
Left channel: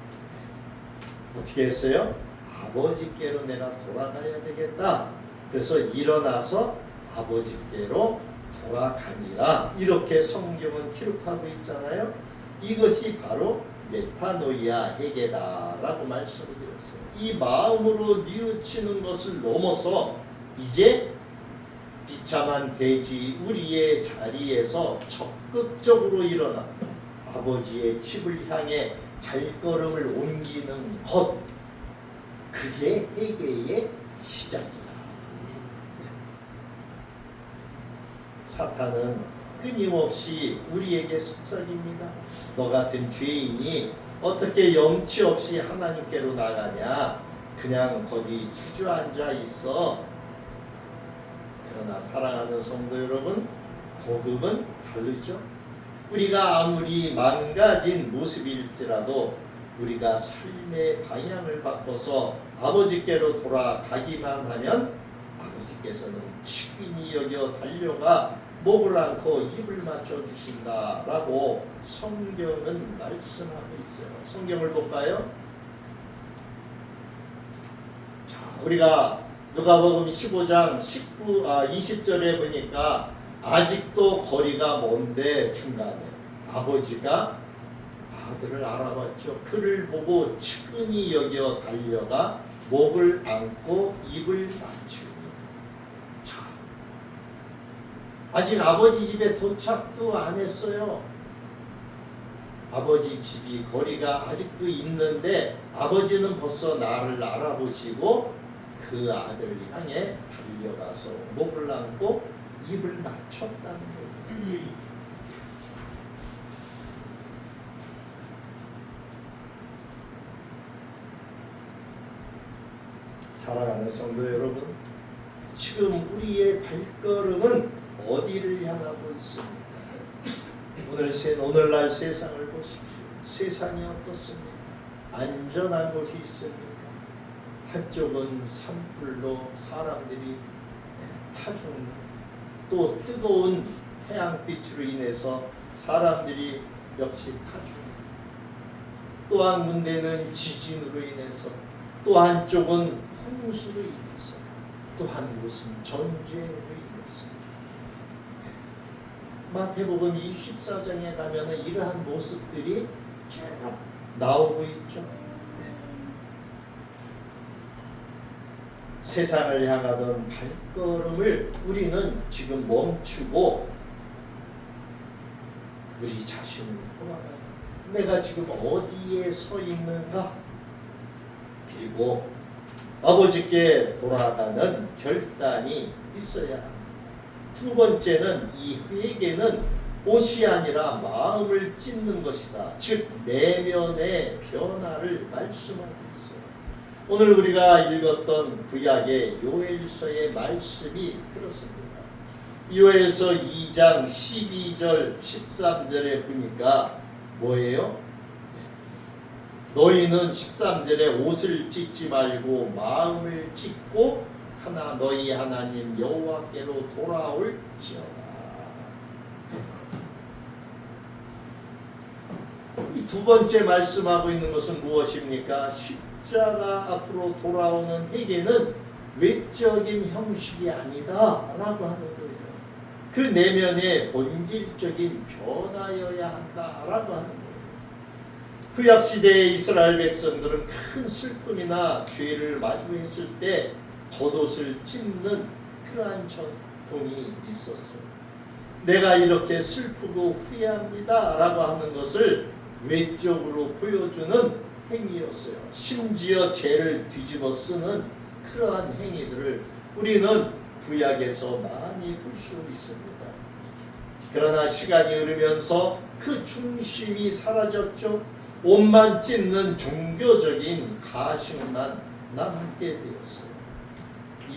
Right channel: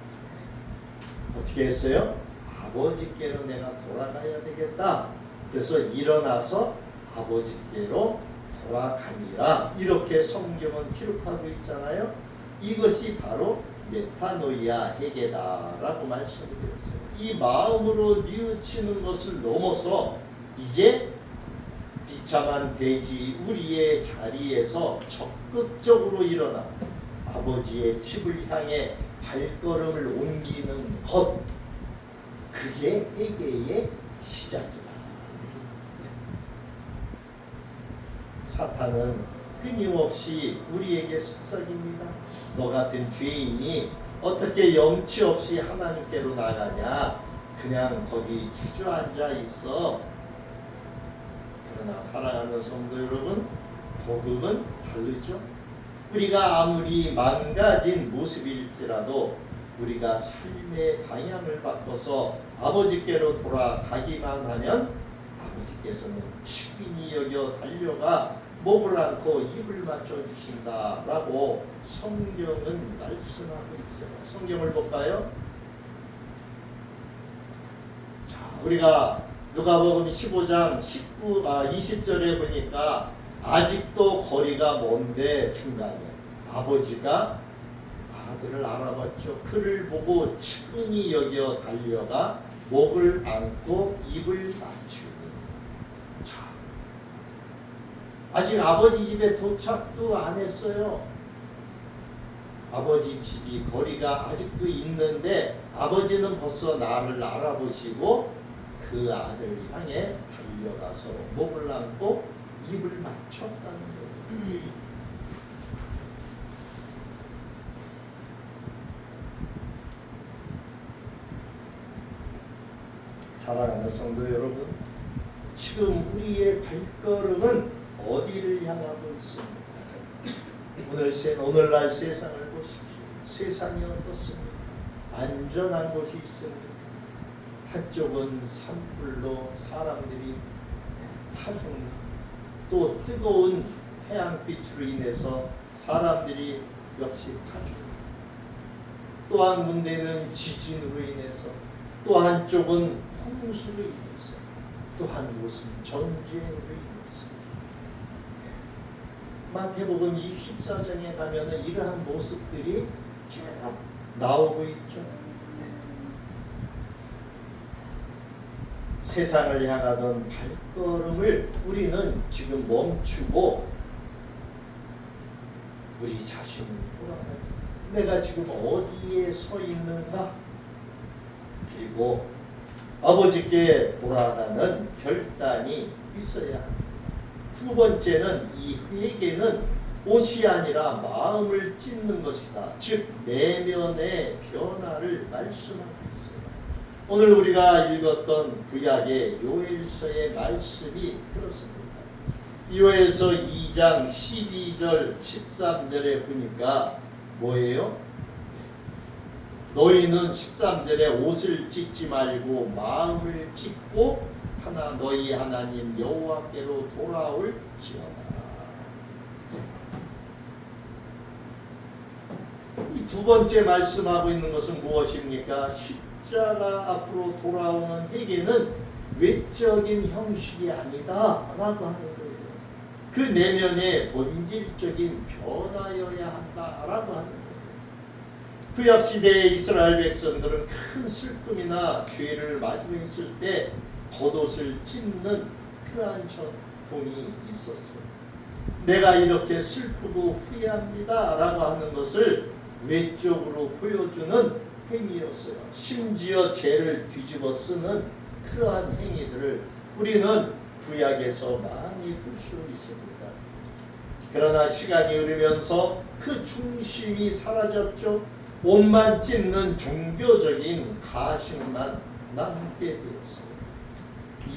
어떻게 했어요? 아버지께로 내가 돌아가야 되겠다. 그래서 일어나서 아버지께로 돌아가니라, 이렇게 성경은 기록하고 있잖아요. 이것이 바로 메타노이아 회개다라고 말씀을 드렸어요. 이 마음으로 뉘우치는 것을 넘어서 이제 비참한 돼지 우리의 자리에서 적극적으로 일어나 아버지의 집을 향해 발걸음을 옮기는 것, 그게 회개의 시작이다. 사탄은 끊임없이 우리에게 속삭입니다. 너 같은 죄인이 어떻게 염치 없이 하나님께로 나가냐? 그냥 거기 주저앉아 있어. 그러나 사랑하는 성도 여러분, 복음은 다르죠. 우리가 아무리 망가진 모습일지라도 우리가 삶의 방향을 바꿔서 아버지께로 돌아가기만 하면 아버지께서는 친히 여겨 달려가 목을 안고 입을 맞춰 주신다라고 성경은 말씀하고 있어요. 성경을 볼까요? 자, 우리가 누가복음 15장 20절에 보니까 아직도 거리가 먼데 중간에 아버지가 아들을 알아봤죠. 그를 보고 측은히 여겨 달려가 목을 안고 입을 맞추니. 자, 아직 아버지 집에 도착도 안 했어요. 아버지 집이 거리가 아직도 있는데 아버지는 벌써 나를 알아보시고 그 아들을 향해 달려가서 목을 안고 입을 맞췄다는 거예요. 사랑하는 성도 여러분, 지금 우리의 발걸음은 어디를 향하고 있습니까? 오늘날 세상을 보십시오. 세상이 어떻습니까? 안전한 곳이 있습니까? 한쪽은 산불로 사람들이 타중, 또 뜨거운 태양빛으로 인해서 사람들이 역시 타중, 또한 문제는 지진으로 인해서, 또 한쪽은 홍수로 인해서, 또 한 곳은 전쟁으로 인해서. 마태복음 24장에 가면은 이러한 모습들이 쭉 나오고 있죠. 세상을 향하던 발걸음을 우리는 지금 멈추고 우리 자신을 돌아봐요. 내가 지금 어디에 서 있는가? 그리고 아버지께 돌아가는 결단이 있어야 합니다. 두 번째는 이 회개는 옷이 아니라 마음을 찢는 것이다. 즉 내면의 변화를 말씀하고 있어요. 오늘 우리가 읽었던 구약의 요엘서의 말씀이 그렇습니다. 요엘서 2장 12절 13절에 보니까 뭐예요? 너희는 13절에 옷을 찢지 말고 마음을 찢고 너희 하나님 여호와께로 돌아올지어다. 이 두 번째 말씀하고 있는 것은 무엇입니까? 십자가 앞으로 돌아오는 회개는 외적인 형식이 아니다 라고 하는 거예요. 그 내면의 본질적인 변화여야 한다라고 하는 거예요. 구약시대의 이스라엘 백성들은 큰 슬픔이나 죄를 마주했을 때 겉옷을 찢는 그러한 전통이 있었어요. 내가 이렇게 슬프고 후회합니다 라고 하는 것을 외적으로 보여주는 행위였어요. 심지어 죄를 뒤집어 쓰는 그러한 행위들을 우리는 구약에서 많이 볼 수 있습니다. 그러나 시간이 흐르면서 그 중심이 사라졌죠. 옷만 찢는 종교적인 가식만 남게 되었어요.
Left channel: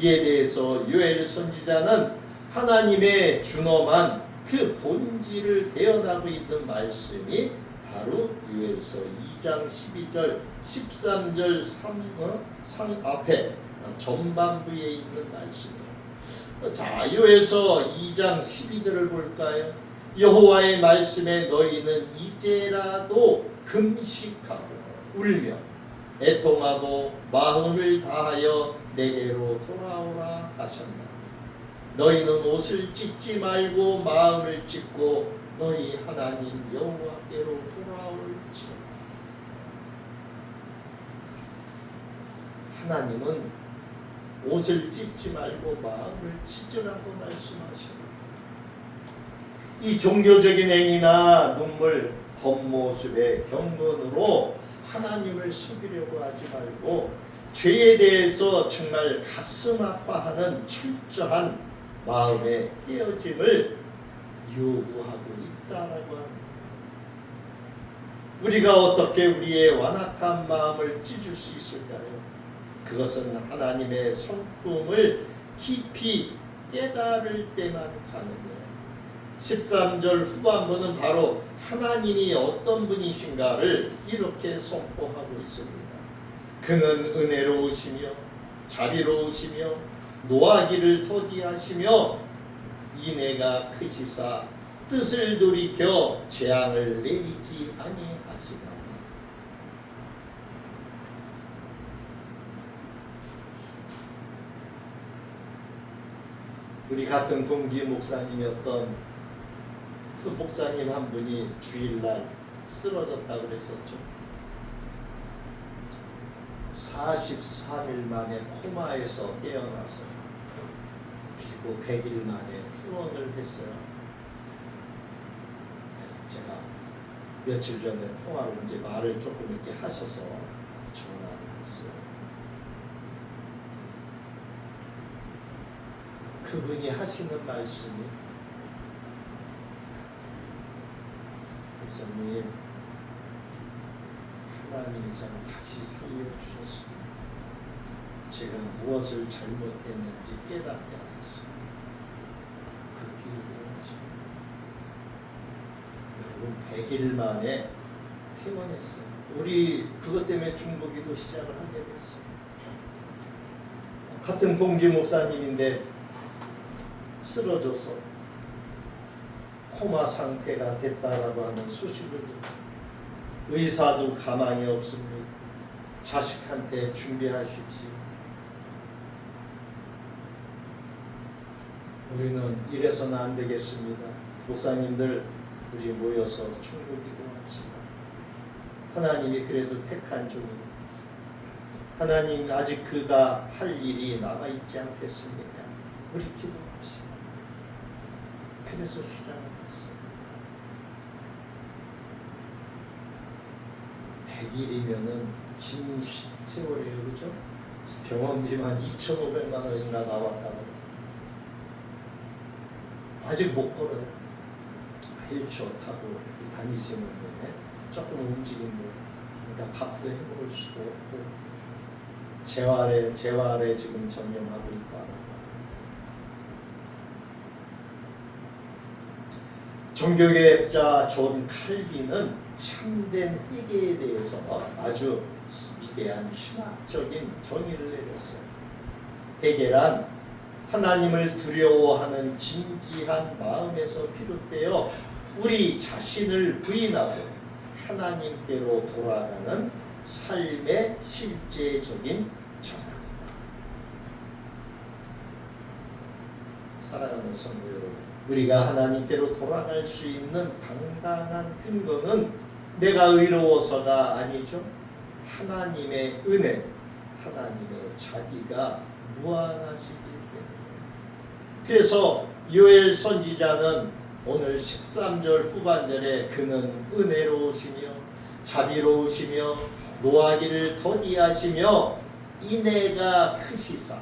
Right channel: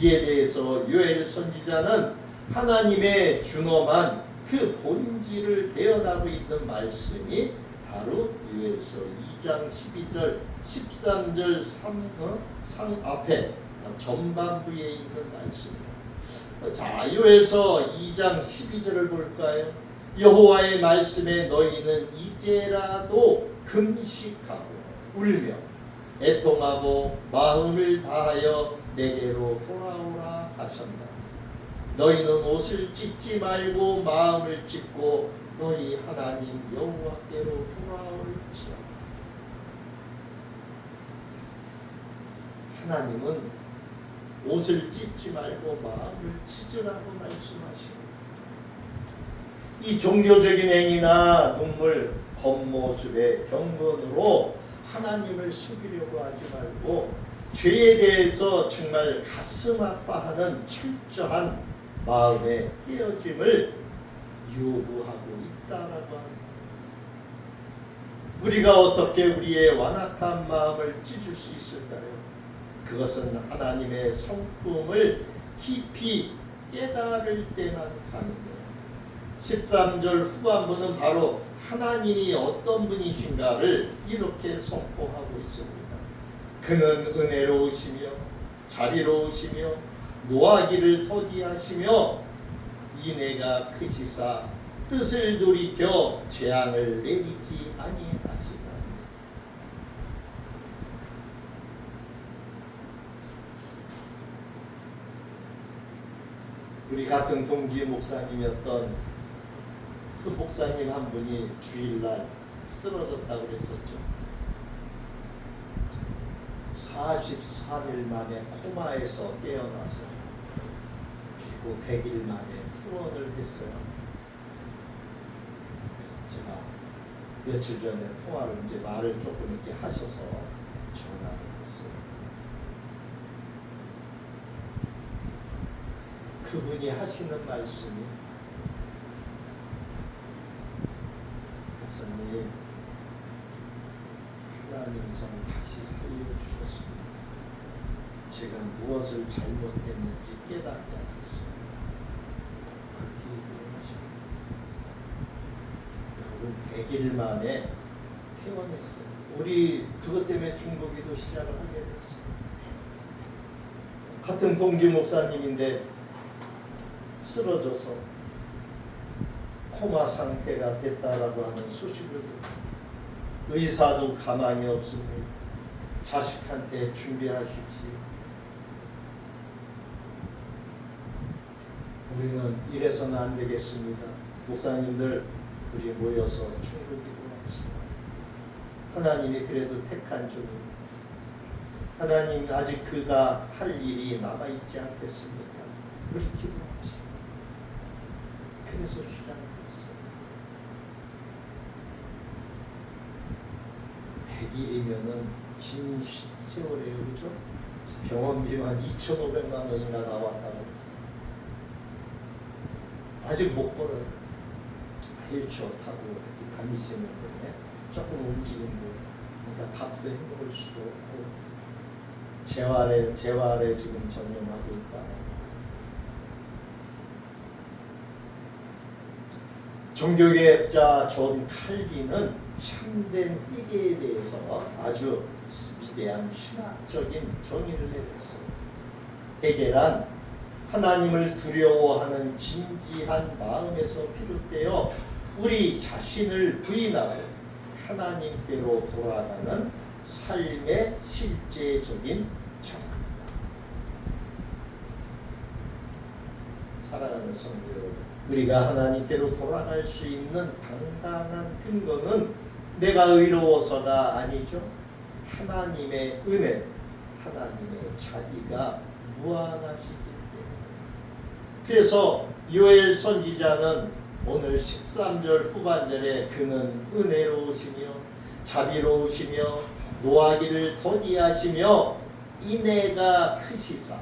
이에 대해서 요엘 선지자는 하나님의 준엄한 그 본질을 대언하고 있는 말씀이 바로 요엘서 2장 12절 13절 3 앞에 전반부에 있는 말씀입니다. 자, 요엘서 2장 12절을 볼까요? 여호와의 말씀에 너희는 이제라도 금식하고 울며 애통하고 마음을 다하여 내게로 돌아오라 하셨다. 너희는 옷을 찢지 말고 마음을 찢고 너희 하나님 여호와께로 돌아올지어다. 하나님은 옷을 찢지 말고 마음을 찢으라고 말씀하십니다. 이 종교적인 행위나 눈물, 겉모습의 경건으로 하나님을 속이려고 하지 말고 죄에 대해서 정말 가슴 아파하는 철저한 마음의 깨어짐을 요구하고 있다라고 합니다. 우리가 어떻게 우리의 완악한 마음을 찢을 수 있을까요? 그것은 하나님의 성품을 깊이 깨달을 때만 가능해요. 13절 후반부는 바로 하나님이 어떤 분이신가를 이렇게 선포하고 있습니다. 그는 은혜로우시며 자비로우시며 노하기를 더디하시며 인애가 크시사 뜻을 돌이켜 재앙을 내리지 아니하시나니. 우리 같은 동기 목사님이었던 그 목사님 한 분이 주일날 쓰러졌다고 그랬었죠. 43일 만에 코마에서 깨어나서 그리고 100일 만에 투혼을 했어요. 제가 며칠 전에 통화로 이제 말을 조금 이렇게 하셔서 전화를 했어요. 그분이 하시는 말씀이, 목사님, 하나님이 저를 다시 살려주셨습니다. 제가 무엇을 잘못했는지 깨닫게 하셨어요. 그렇게 얘기하십니다. 여러분, 100일 만에 퇴원했어요. 우리 그것 때문에 중보기도 시작을 하게 됐어요. 같은 동기 목사님인데 쓰러져서 코마 상태가 됐다라고 하는 소식을 듣고 의사도 가만히 없습니다. 자식한테 준비하십시오. 우리는 이래서는 안 되겠습니다. 목사님들 우리 모여서 충고기도합시다. 하나님이 그래도 택한 종입니다. 하나님 아직 그가 할 일이 남아있지 않겠습니까? 우리 기도합시다. 그래서 시작했어요. 100일이면은 긴 세월이에요, 그죠? 병원비만 2,500만 원이나 나왔다고. 아직 못 걸어요. 휠체어 타고 이렇게 다니시는데 조금 움직이는데, 그러니까 밥도 해 먹을 수도 없고 재활에 지금 전념하고 있다. 종교개혁자 존 칼빈은 참된 회개에 대해서 아주 위대한 신학적인 정의를 내렸어요. 회개란 하나님을 두려워하는 진지한 마음에서 비롯되어 우리 자신을 부인하고 하나님께로 돌아가는 삶의 실제적인 전환이다. 사랑하는 성도 여러분, 우리가 하나님께로 돌아갈 수 있는 당당한 근거는 내가 의로워서가 아니죠. 하나님의 은혜, 하나님의 자비가 무한하시기 때문에. 그래서 요엘 선지자는 오늘 13절 후반절에 그는 은혜로우시며 자비로우시며 노하기를 더디하시며 인애가 크시사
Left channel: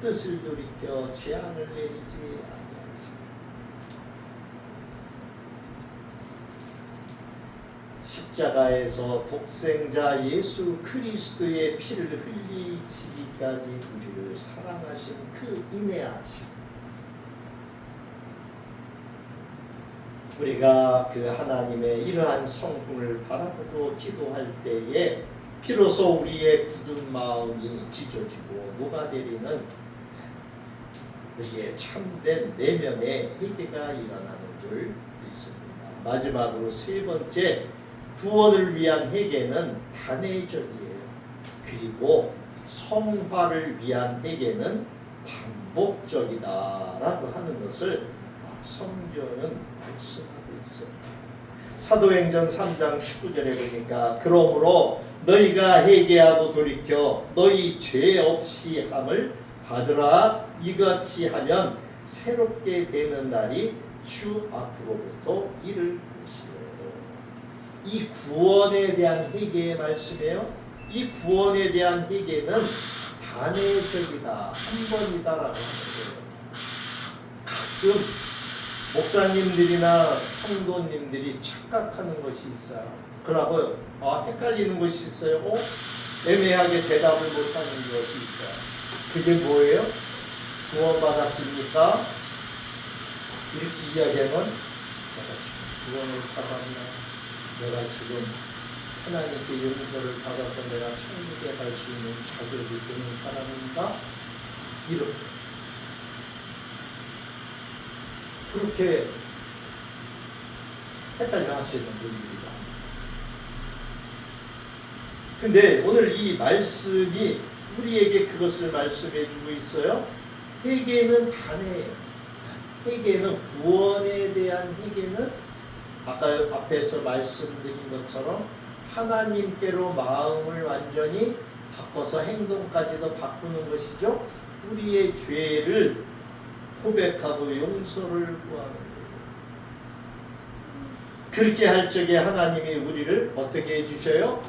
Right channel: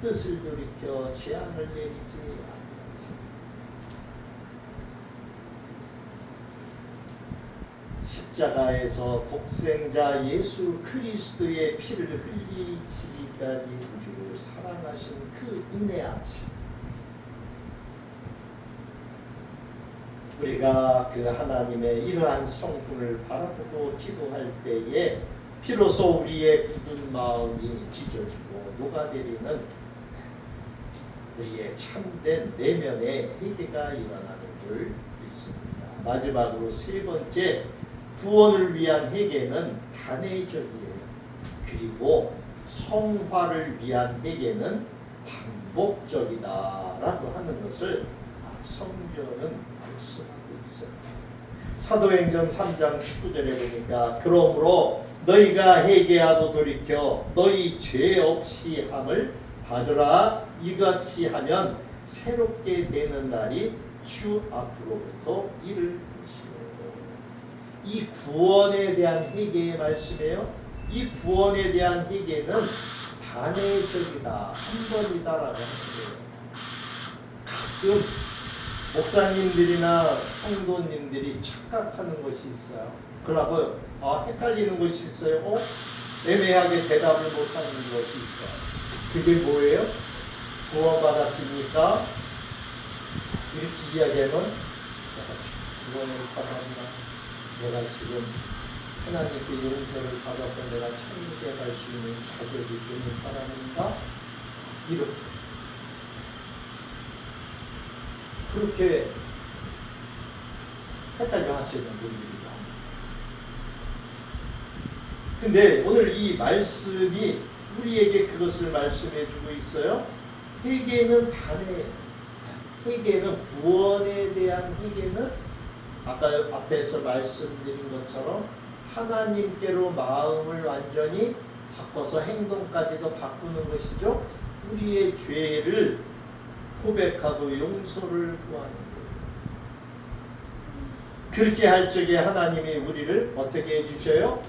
뜻을 돌이켜 재앙을 내리지 아니하시니. 십자가에서 독생자 예수 그리스도의 피를 흘리시기까지 우리를 사랑하신 그 인애하심, 우리가 그 하나님의 이러한 성품을 바라보고 기도할 때에 비로소 우리의 굳은 마음이 찢어지고 녹아내리는 우리의 참된 내면의 회개가 일어나는 줄 믿습니다. 마지막으로 세 번째, 구원을 위한 회개는 단회적이에요. 그리고 성화를 위한 회개는 반복적이다라고 하는 것을 성경은 말씀하고 있습니다. 사도행전 3장 19절에 보니까 그러므로 너희가 회개하고 돌이켜 너희 죄 없이 함을 받으라. 이같이 하면 새롭게 되는 날이 주 앞으로부터 이를 것이요. 이 구원에 대한 회개의 말씀이에요. 이 구원에 대한 회개는 단회적이다, 한 번이다라고 하는 거예요. 가끔 목사님들이나 성도님들이 착각하는 것이 있어요. 그러고 헷갈리는 것이 있어요. 애매하게 대답을 못하는 것이 있어요. 그게 뭐예요? 구원받았습니까? 이렇게 이야기하면 내가 지금 구원을 받았나? 내가 지금 하나님께 용서를 받아서 내가 천국에 갈 수 있는 자격이 되는 사람인가? 이렇게 그렇게 헷갈려 하시는 분들이 많아요. 근데 오늘 이 말씀이 우리에게 그것을 말씀해 주고 있어요. 회개는 단회예요. 회개는 구원에 대한 회개는 아까 앞에서 말씀드린 것처럼 하나님께로 마음을 완전히 바꿔서 행동까지도 바꾸는 것이죠. 우리의 죄를 고백하고 용서를 구하는 거예요. 그렇게 할 적에 하나님이 우리를 어떻게 해주셔요?